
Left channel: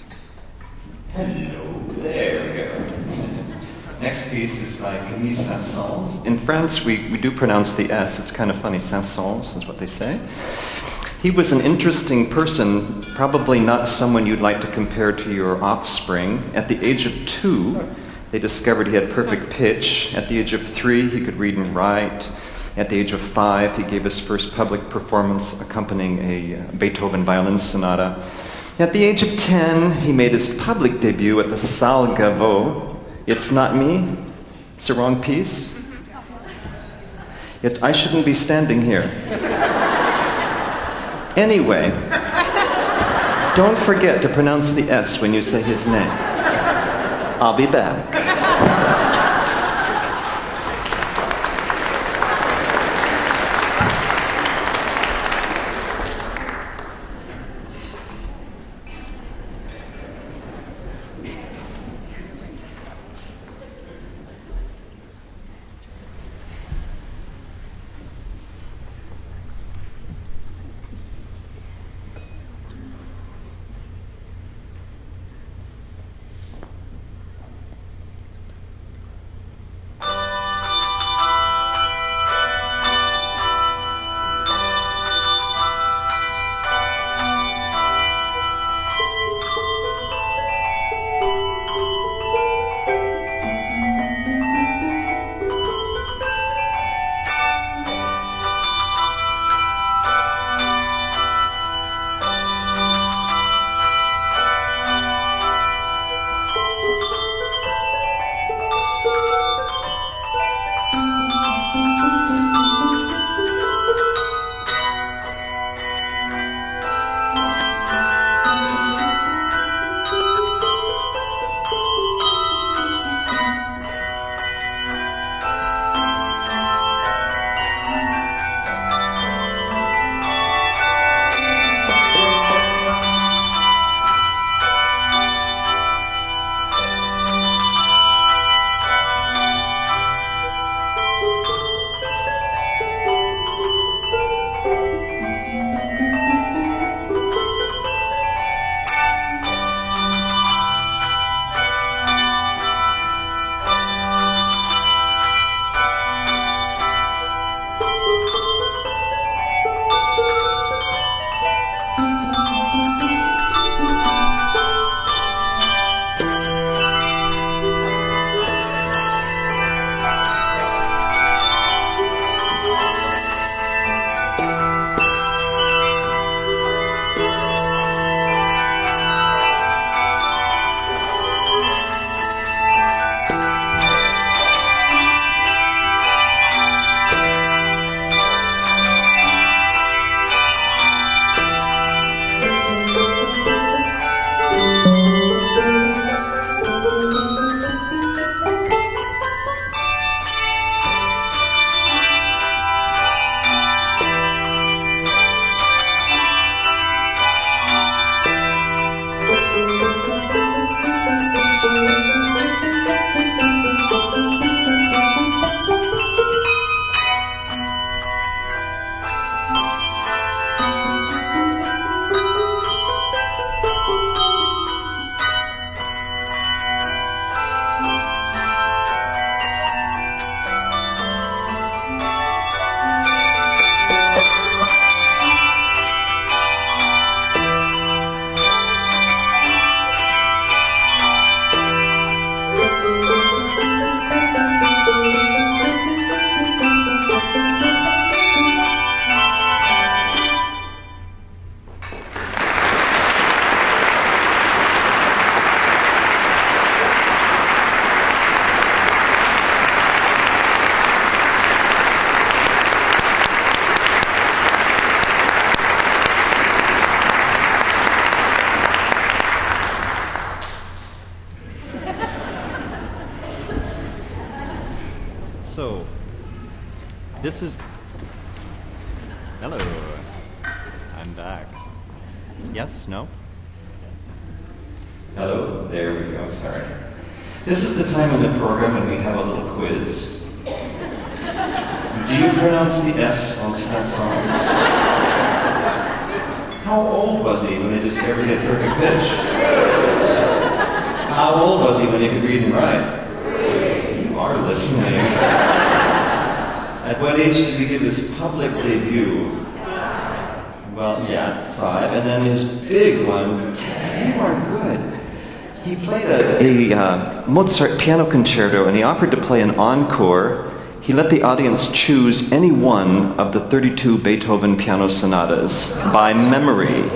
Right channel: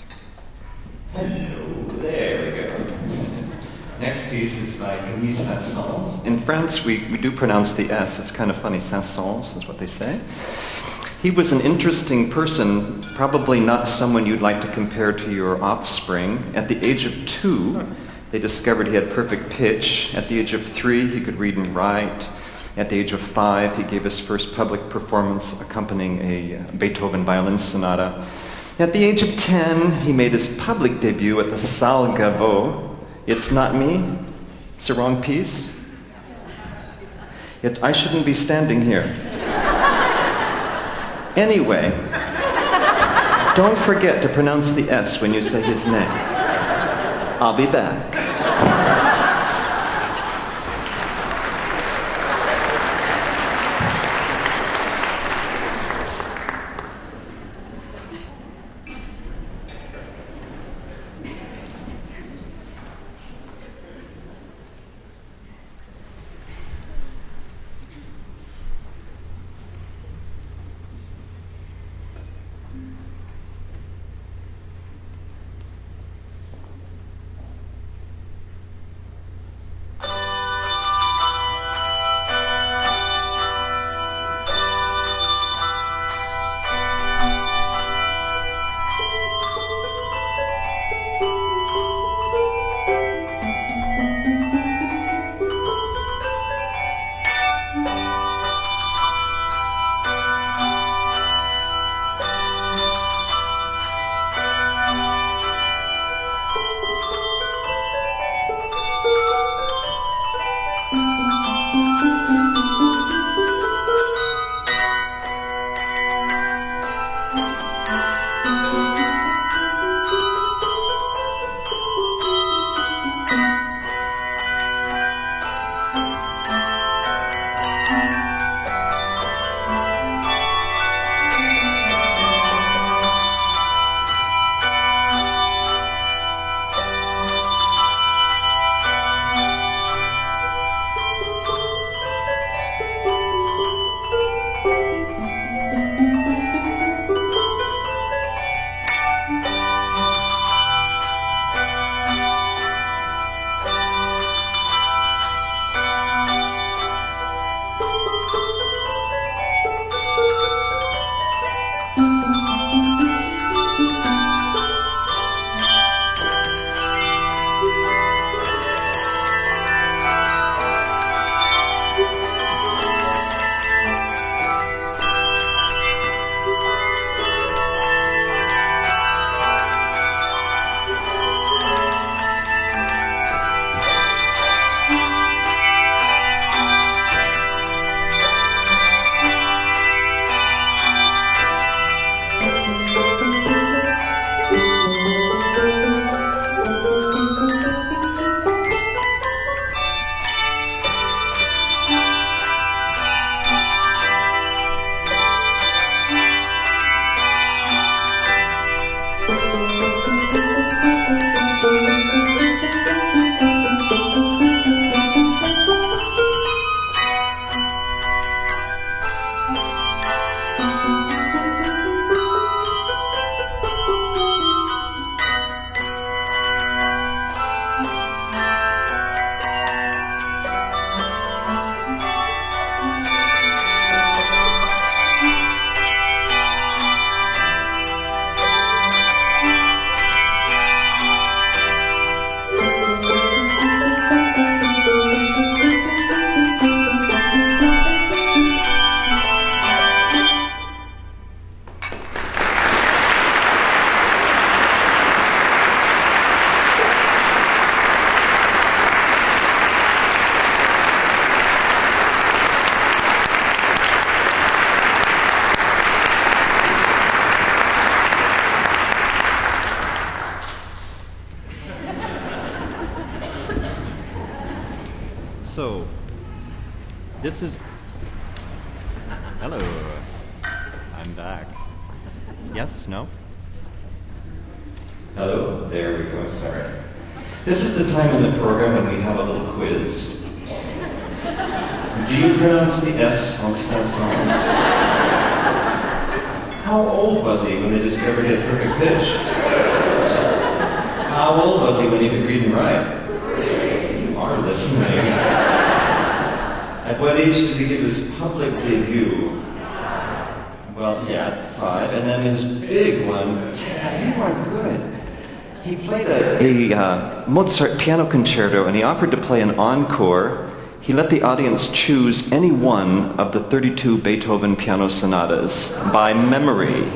Hello, there we go. Next piece is by Camille Saint-Saëns. In France, we do pronounce the S. It's kind of funny. Saint-Saëns is what they say. He was an interesting person, probably not someone you'd like to compare to your offspring. At the age of 2, they discovered he had perfect pitch. At the age of 3, he could read and write. At the age of 5, he gave his first public performance accompanying a Beethoven violin sonata. At the age of 10, he made his public debut at the Salle Gaveau. It's not me. It's the wrong piece. Yet I shouldn't be standing here. Anyway, don't forget to pronounce the S when you say his name. I'll be back. So, this is... Hello. I'm back. Yes? No? Hello? There we go. Sorry. This is the time in the program when we have a little quiz. Do you pronounce the S on Saint-Saëns? How old was he when they discovered he had perfect pitch? How old was he when he could read and write? You are listening. At what age did he give his public debut? Well, yeah, 5. And then his big one, 10. You are good. He played a Mozart piano concerto, and he offered to play an encore. He let the audience choose any one of the 32 Beethoven piano sonatas by memory.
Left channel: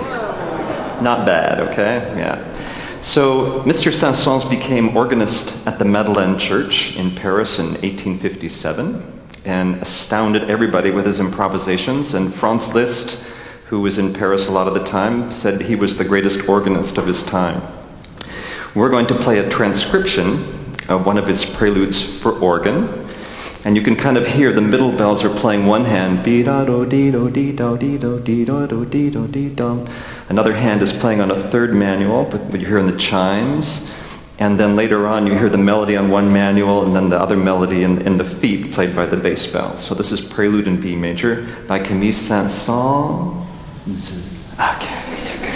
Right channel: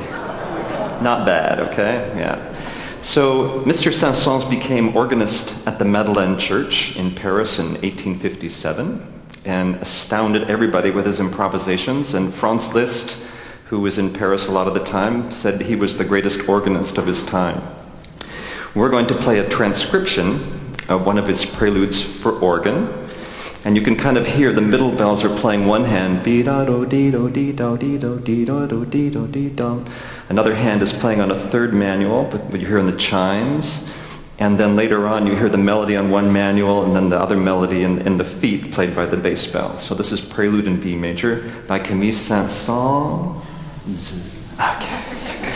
Not bad, okay? Yeah. So Mr. Saint-Saëns became organist at the Madeleine Church in Paris in 1857 and astounded everybody with his improvisations. And Franz Liszt, who was in Paris a lot of the time, said he was the greatest organist of his time. We're going to play a transcription of one of his preludes for organ. And you can kind of hear the middle bells are playing one hand, be-da-do-dee-do-dee-do-dee-do-dee-do-dee-do-dee-dum. Another hand is playing on a third manual, but you're hearing the chimes. And then later on you hear the melody on one manual and then the other melody in the feet played by the bass bells. So this is Prelude in B major by Camille Saint-Saëns. Okay, you're good.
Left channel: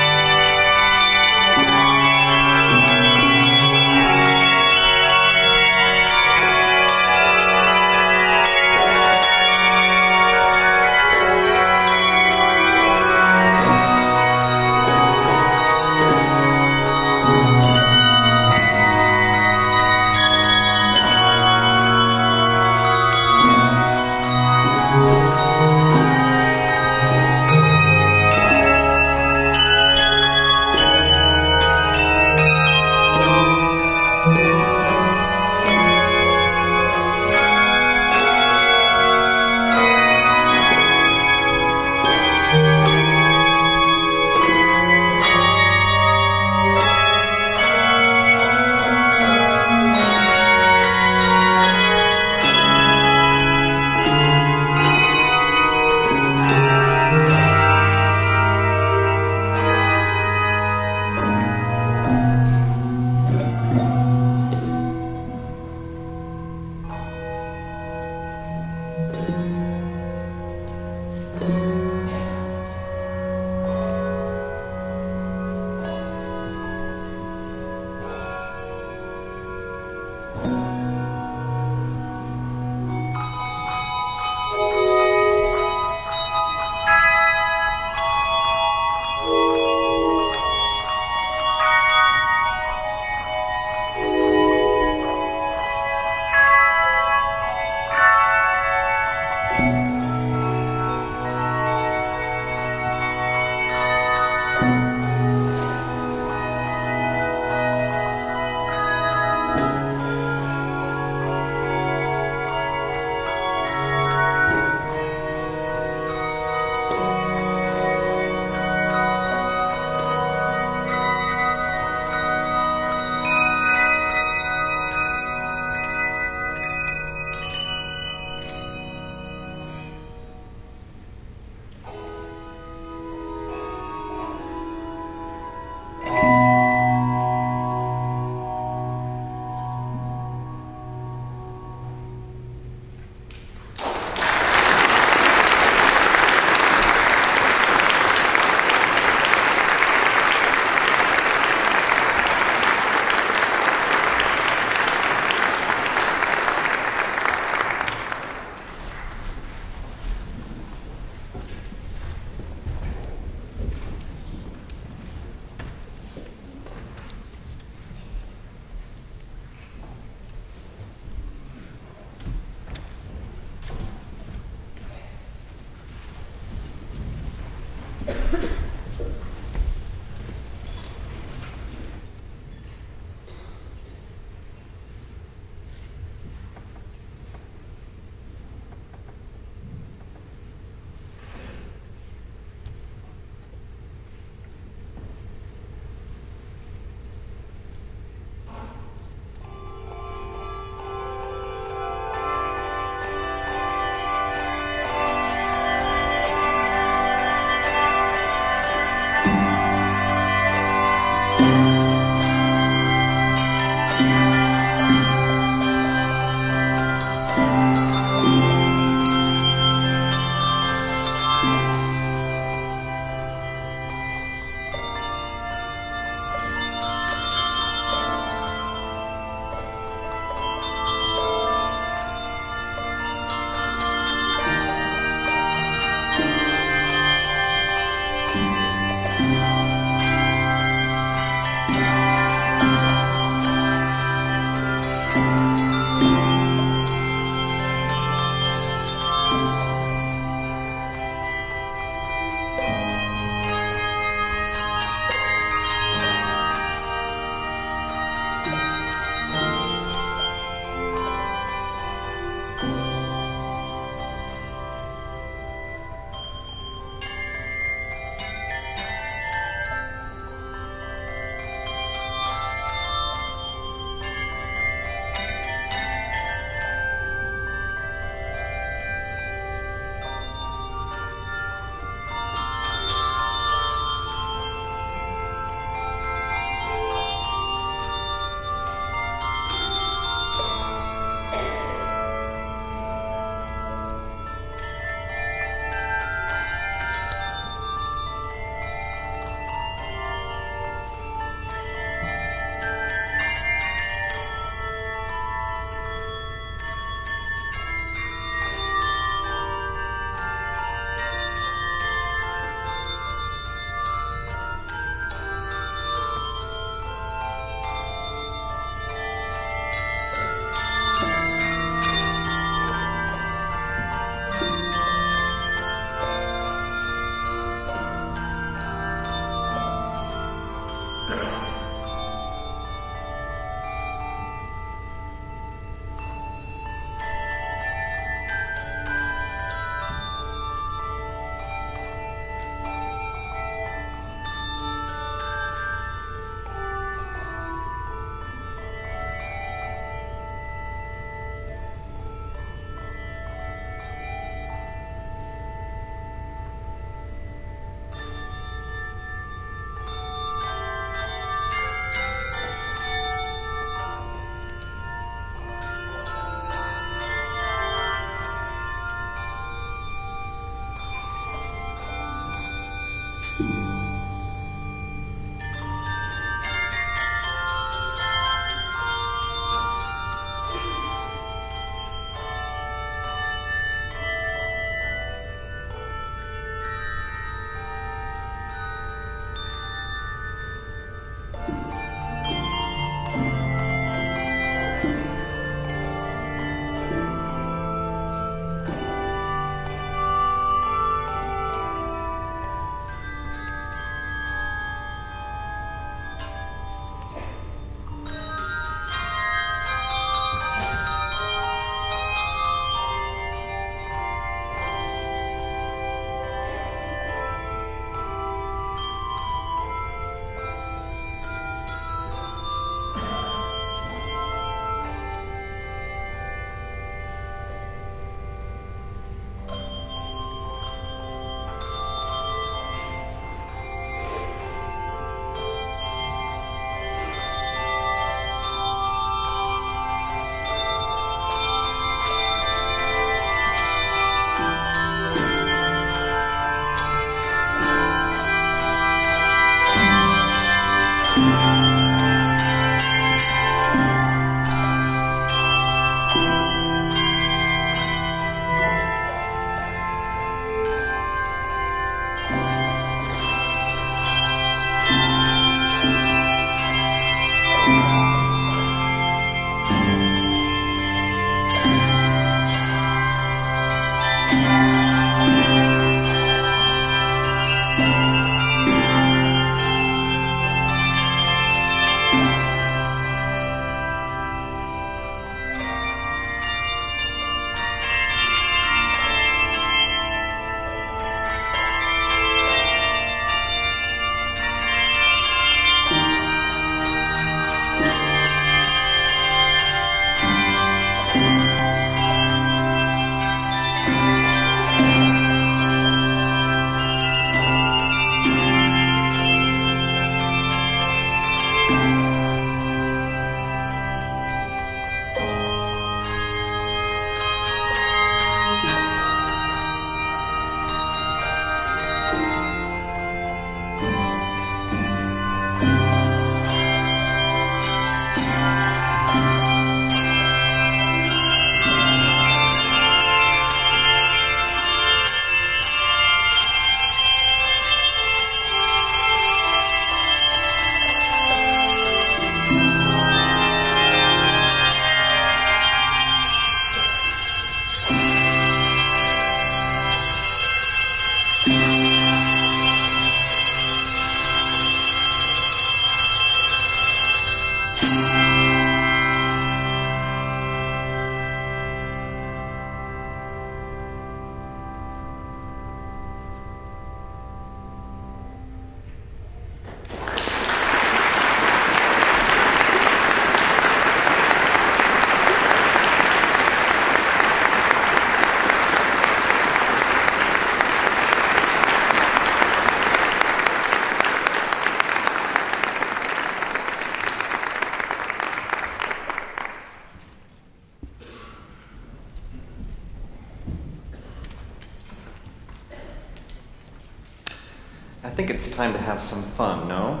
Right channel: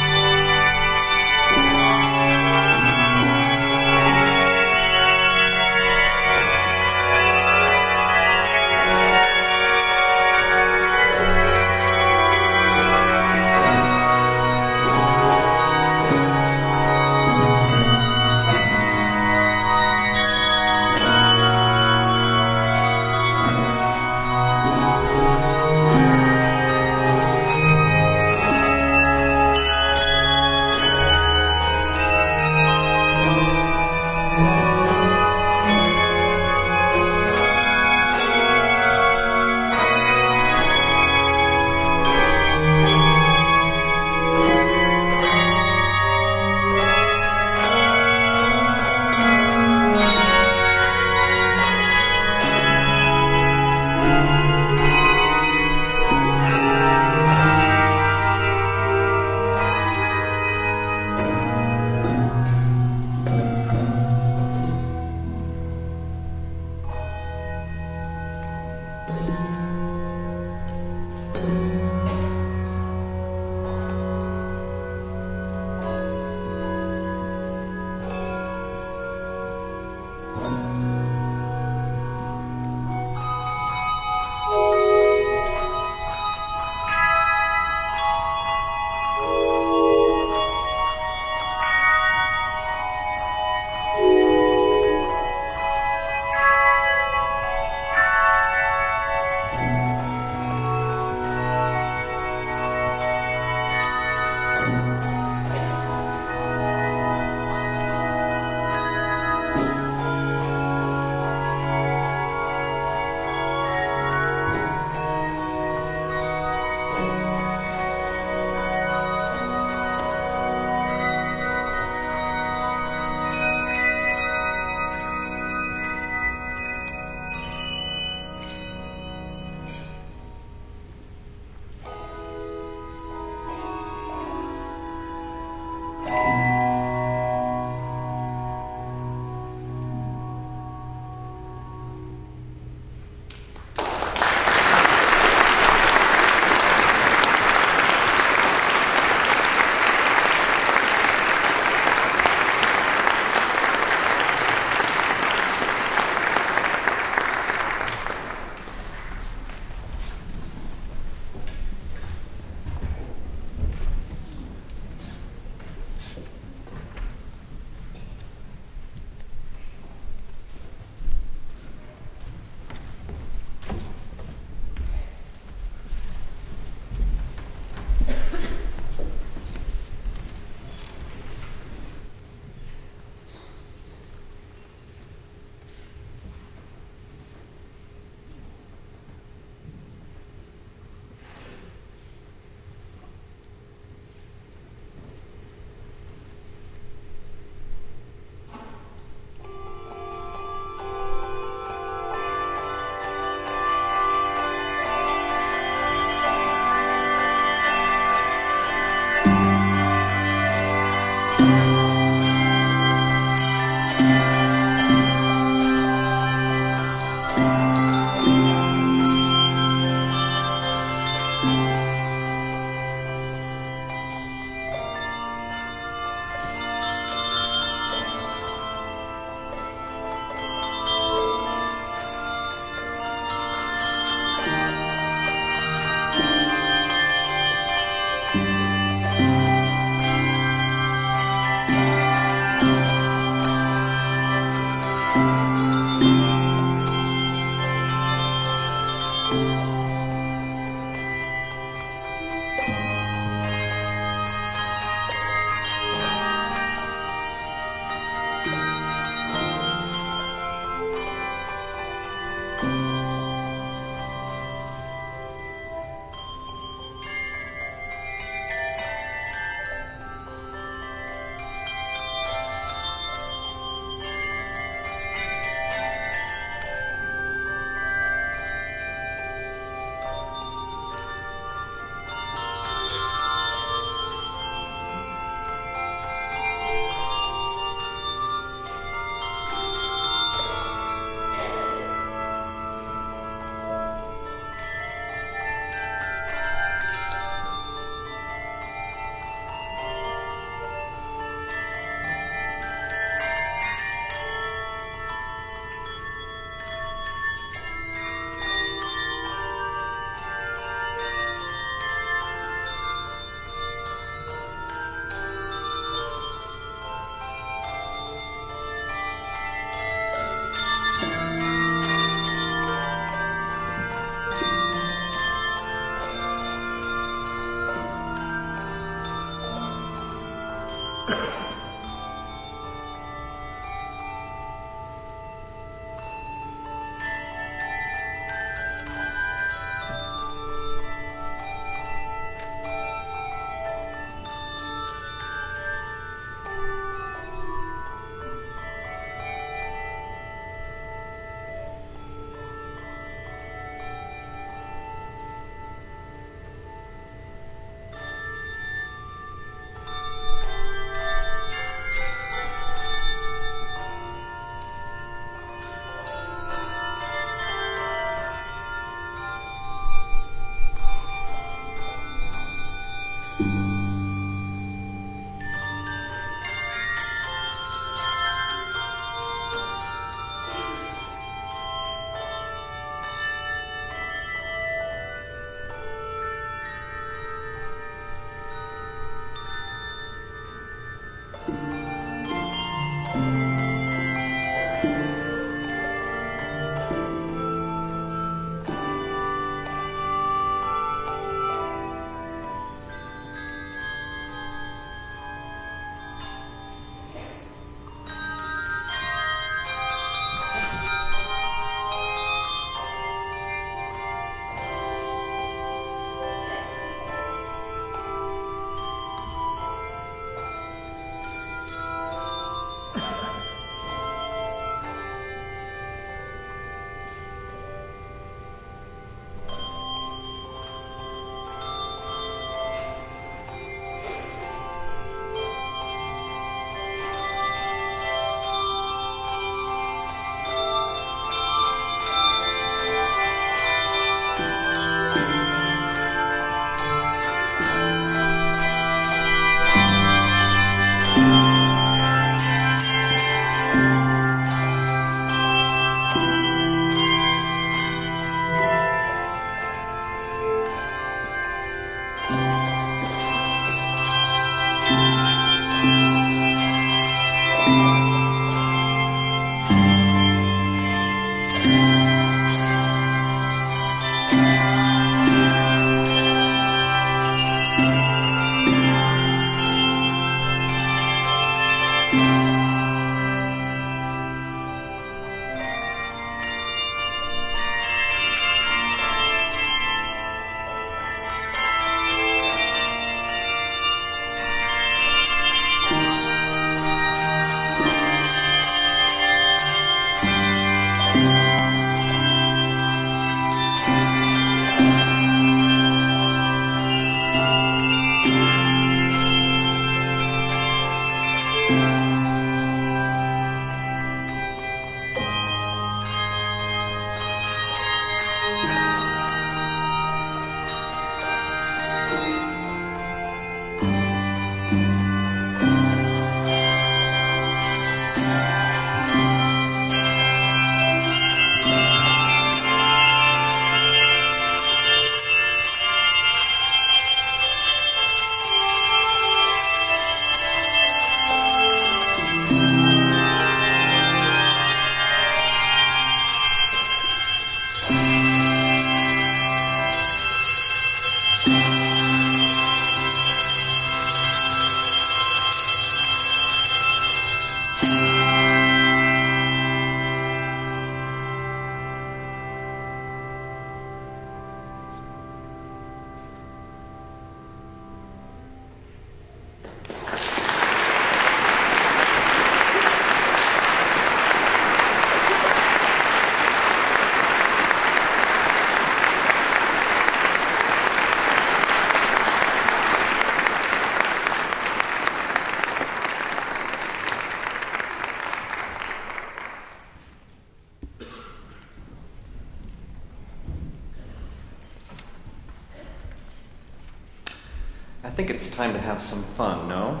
I think it's time to have some fun, no?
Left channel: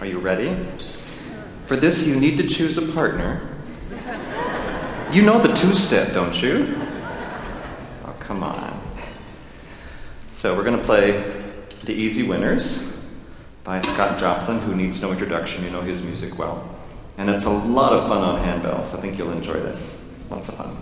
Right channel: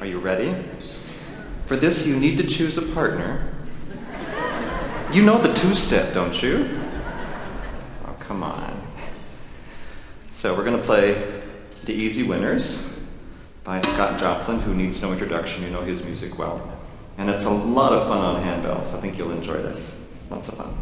Are you ready? For this, you need to choose a partner. You know the two-step, don't you? Oh, come on. So we're going to play The Easy Winners by Scott Joplin, who needs no introduction. You know his music well. And it's a lot of fun on handbell, so I think you'll enjoy this. Lots of fun.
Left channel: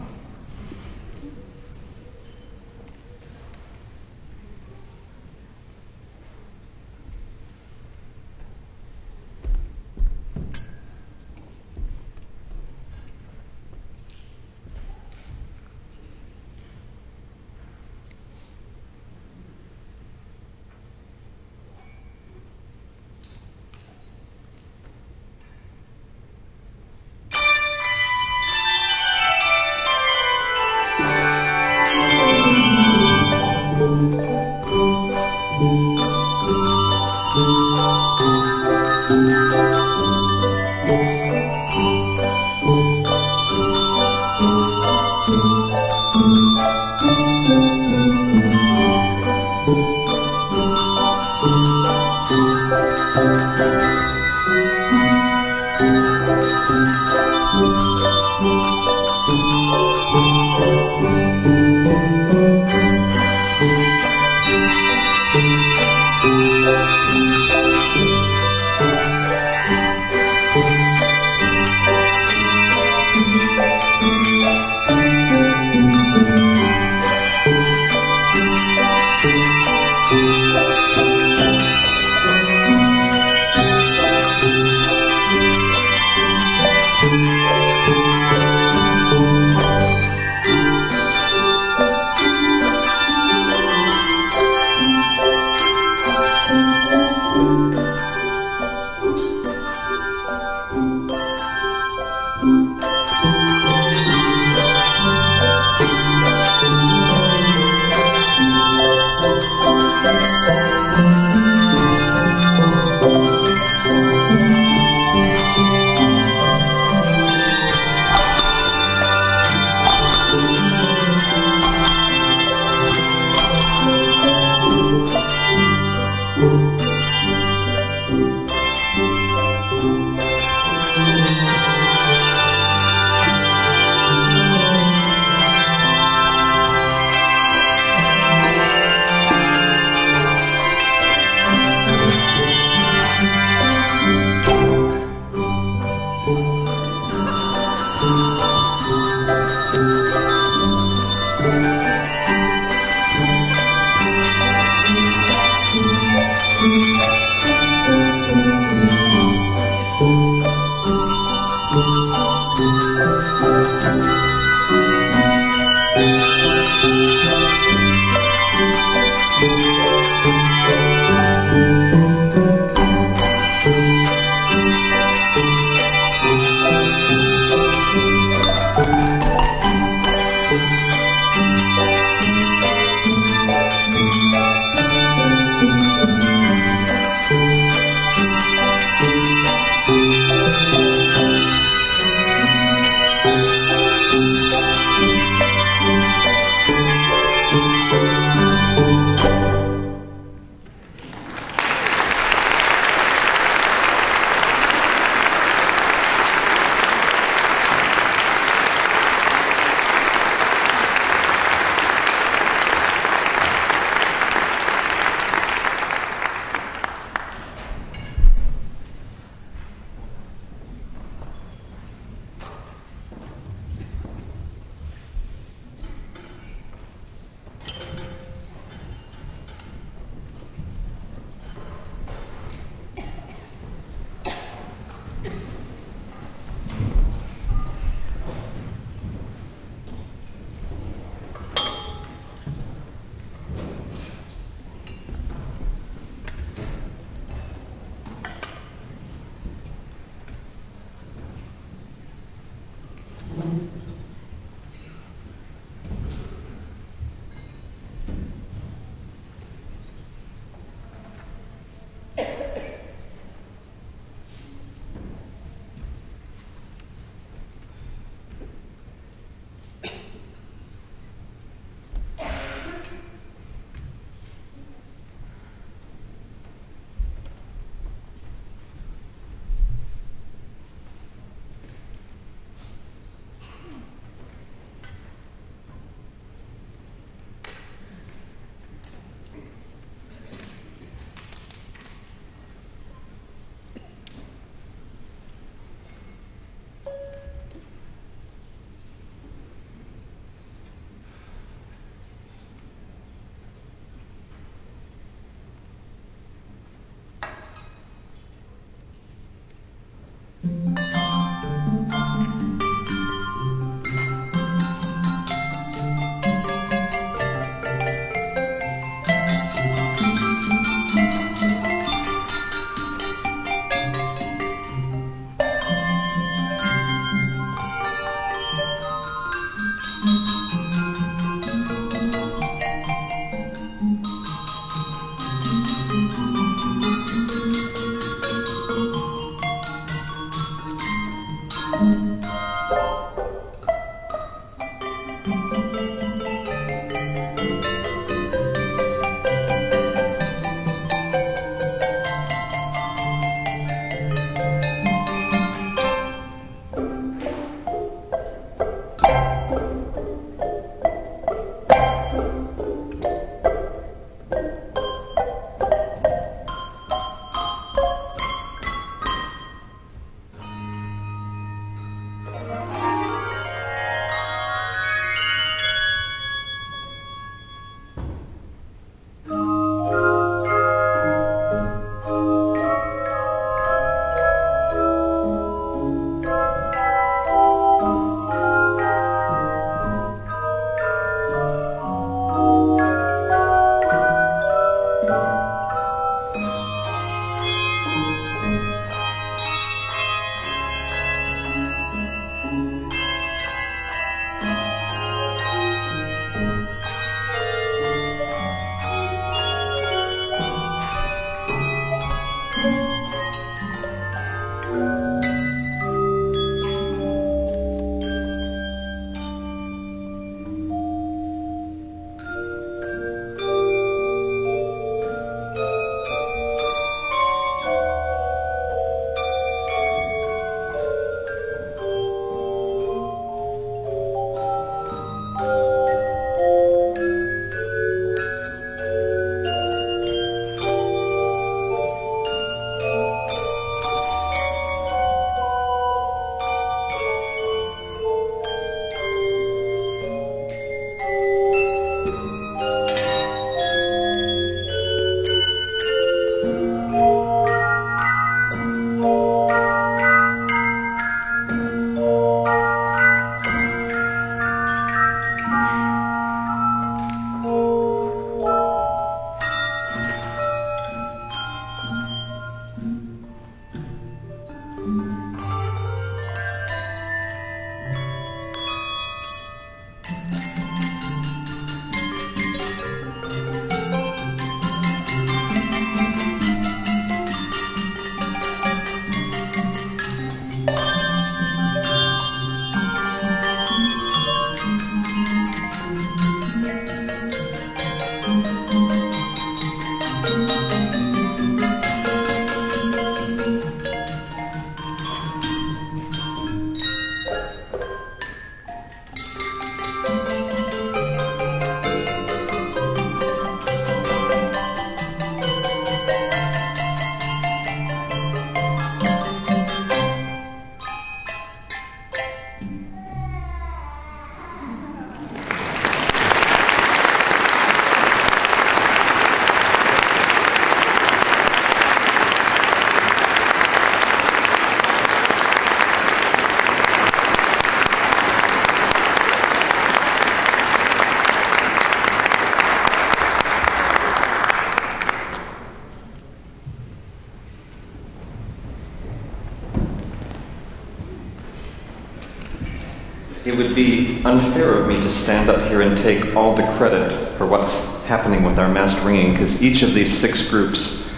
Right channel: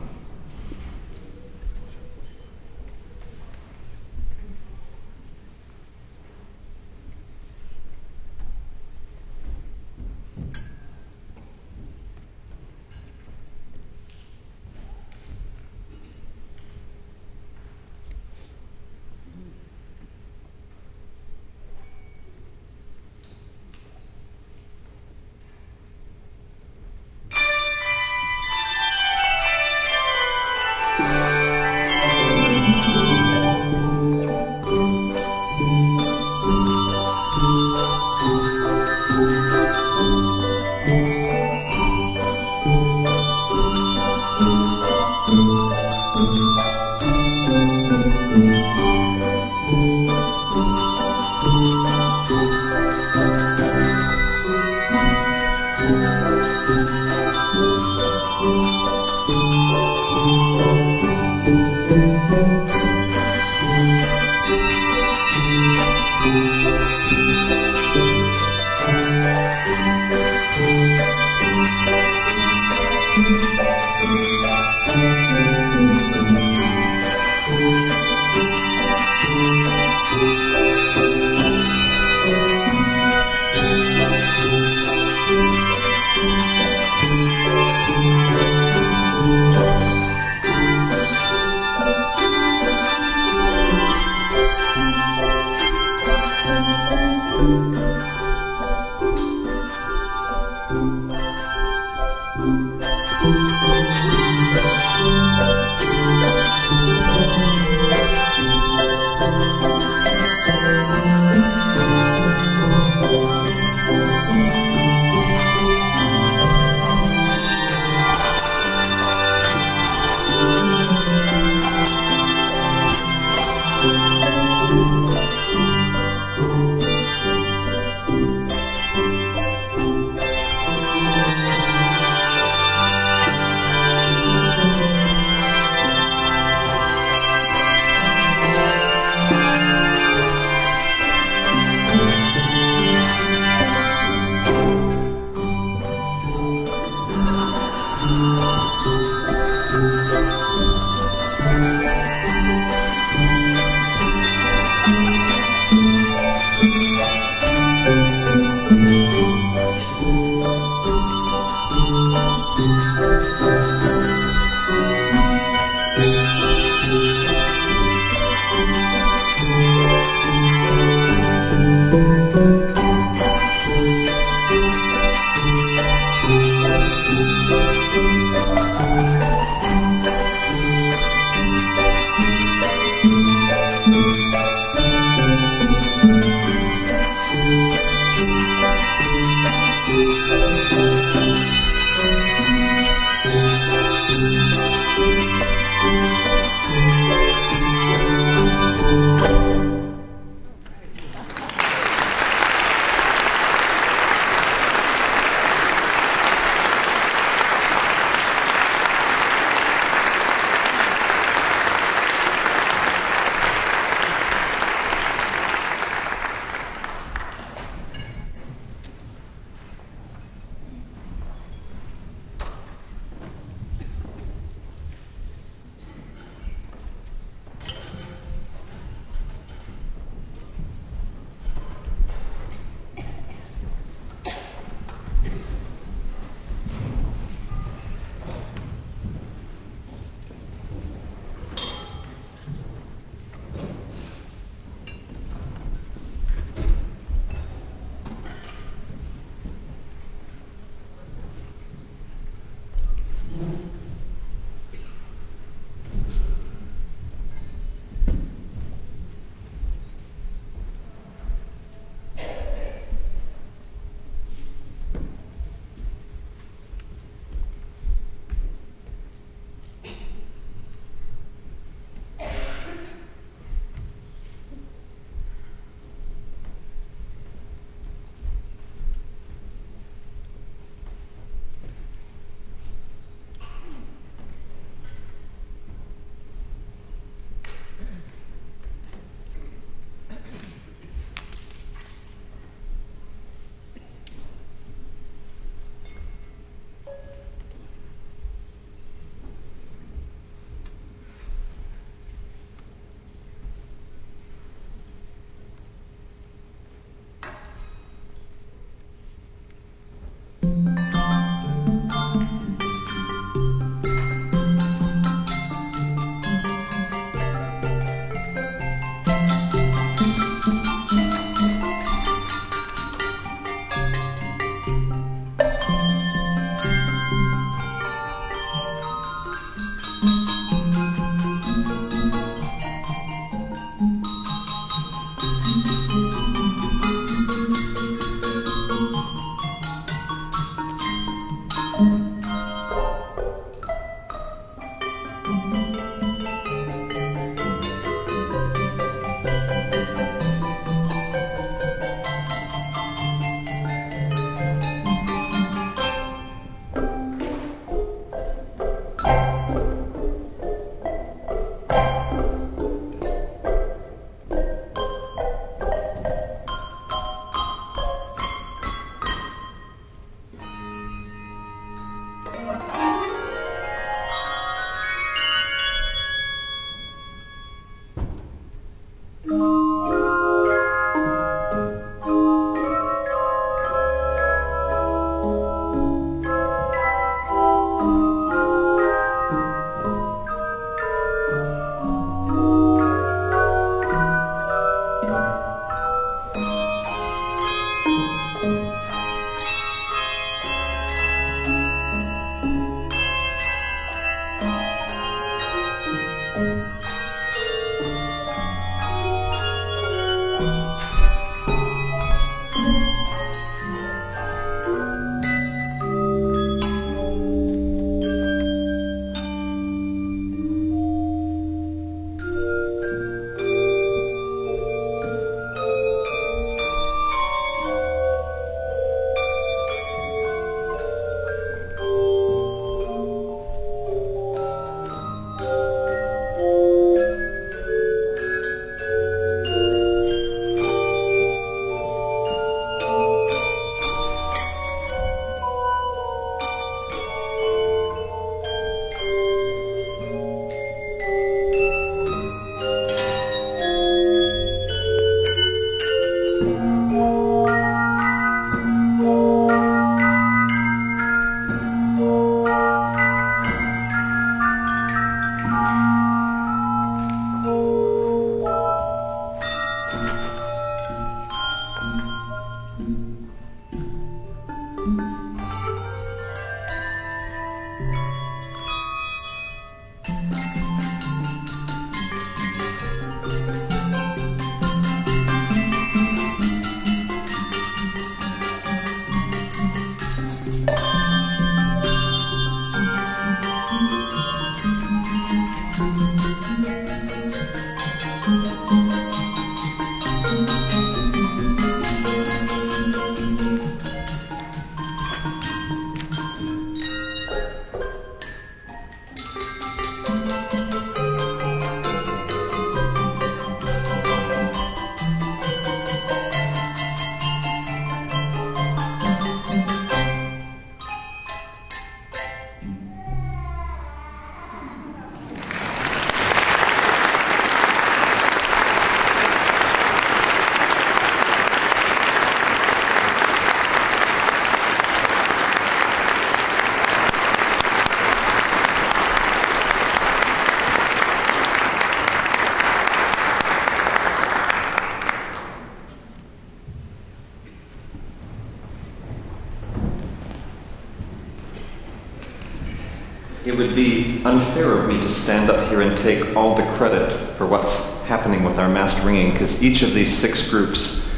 It would be unfair of me to stand up here and take all the credit for what's happening with our massed ringing, because each of these 6 groups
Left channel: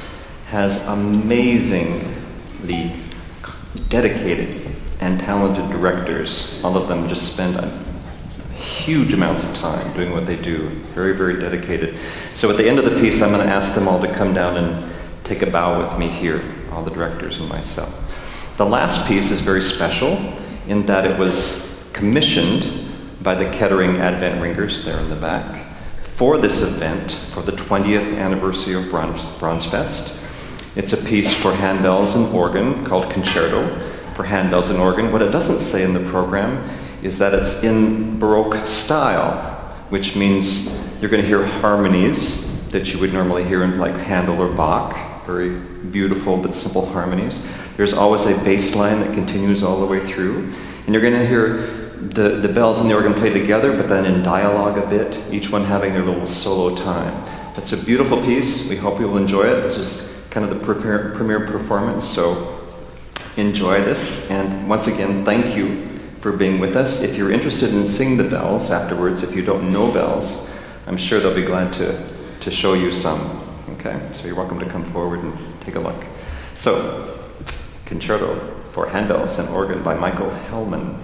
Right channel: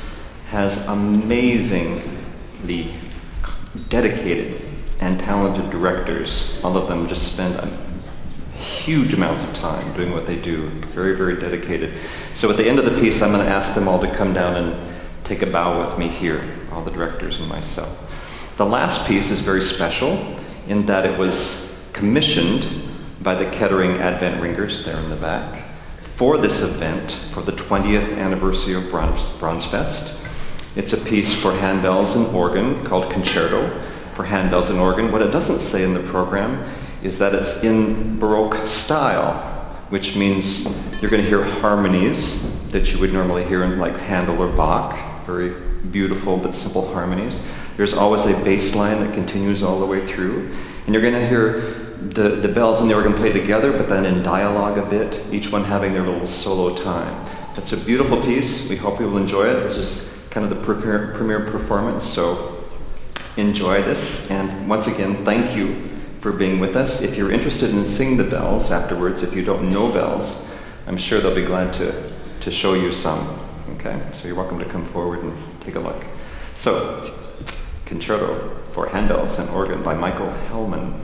has amazingly dedicated and talented directors. All of them just spend huge amounts of time doing what they do. Very, very dedicated. So at the end of the piece, I'm going to ask them all to come down and take a bow with me here, all the directors and myself. The last piece is very special in that it was commissioned by the Kettering Advent Ringers there in the back for this event, for the 20th anniversary of Bronze Fest. It's a piece for handbells and organ called Concerto for Handbells and Organ. What it doesn't say in the program is that it's in Baroque style, which means you're going to hear harmonies that you would normally hear in like Handel or Bach, very beautiful but simple harmonies. There's always a bass line that continues all the way through, and you're going to hear the bells and the organ play together, but then in dialogue a bit, each one having their little solo time. It's a beautiful piece. We hope you will enjoy it. This is kind of the premiere performance, so enjoy this. And once again, thank you for being with us. If you're interested in seeing the bells afterwards, if you don't know bells, I'm sure they'll be glad to show you some. Okay, so you're welcome to come forward and take a look. So, Concerto for Handbells and Organ by Michael Hellman.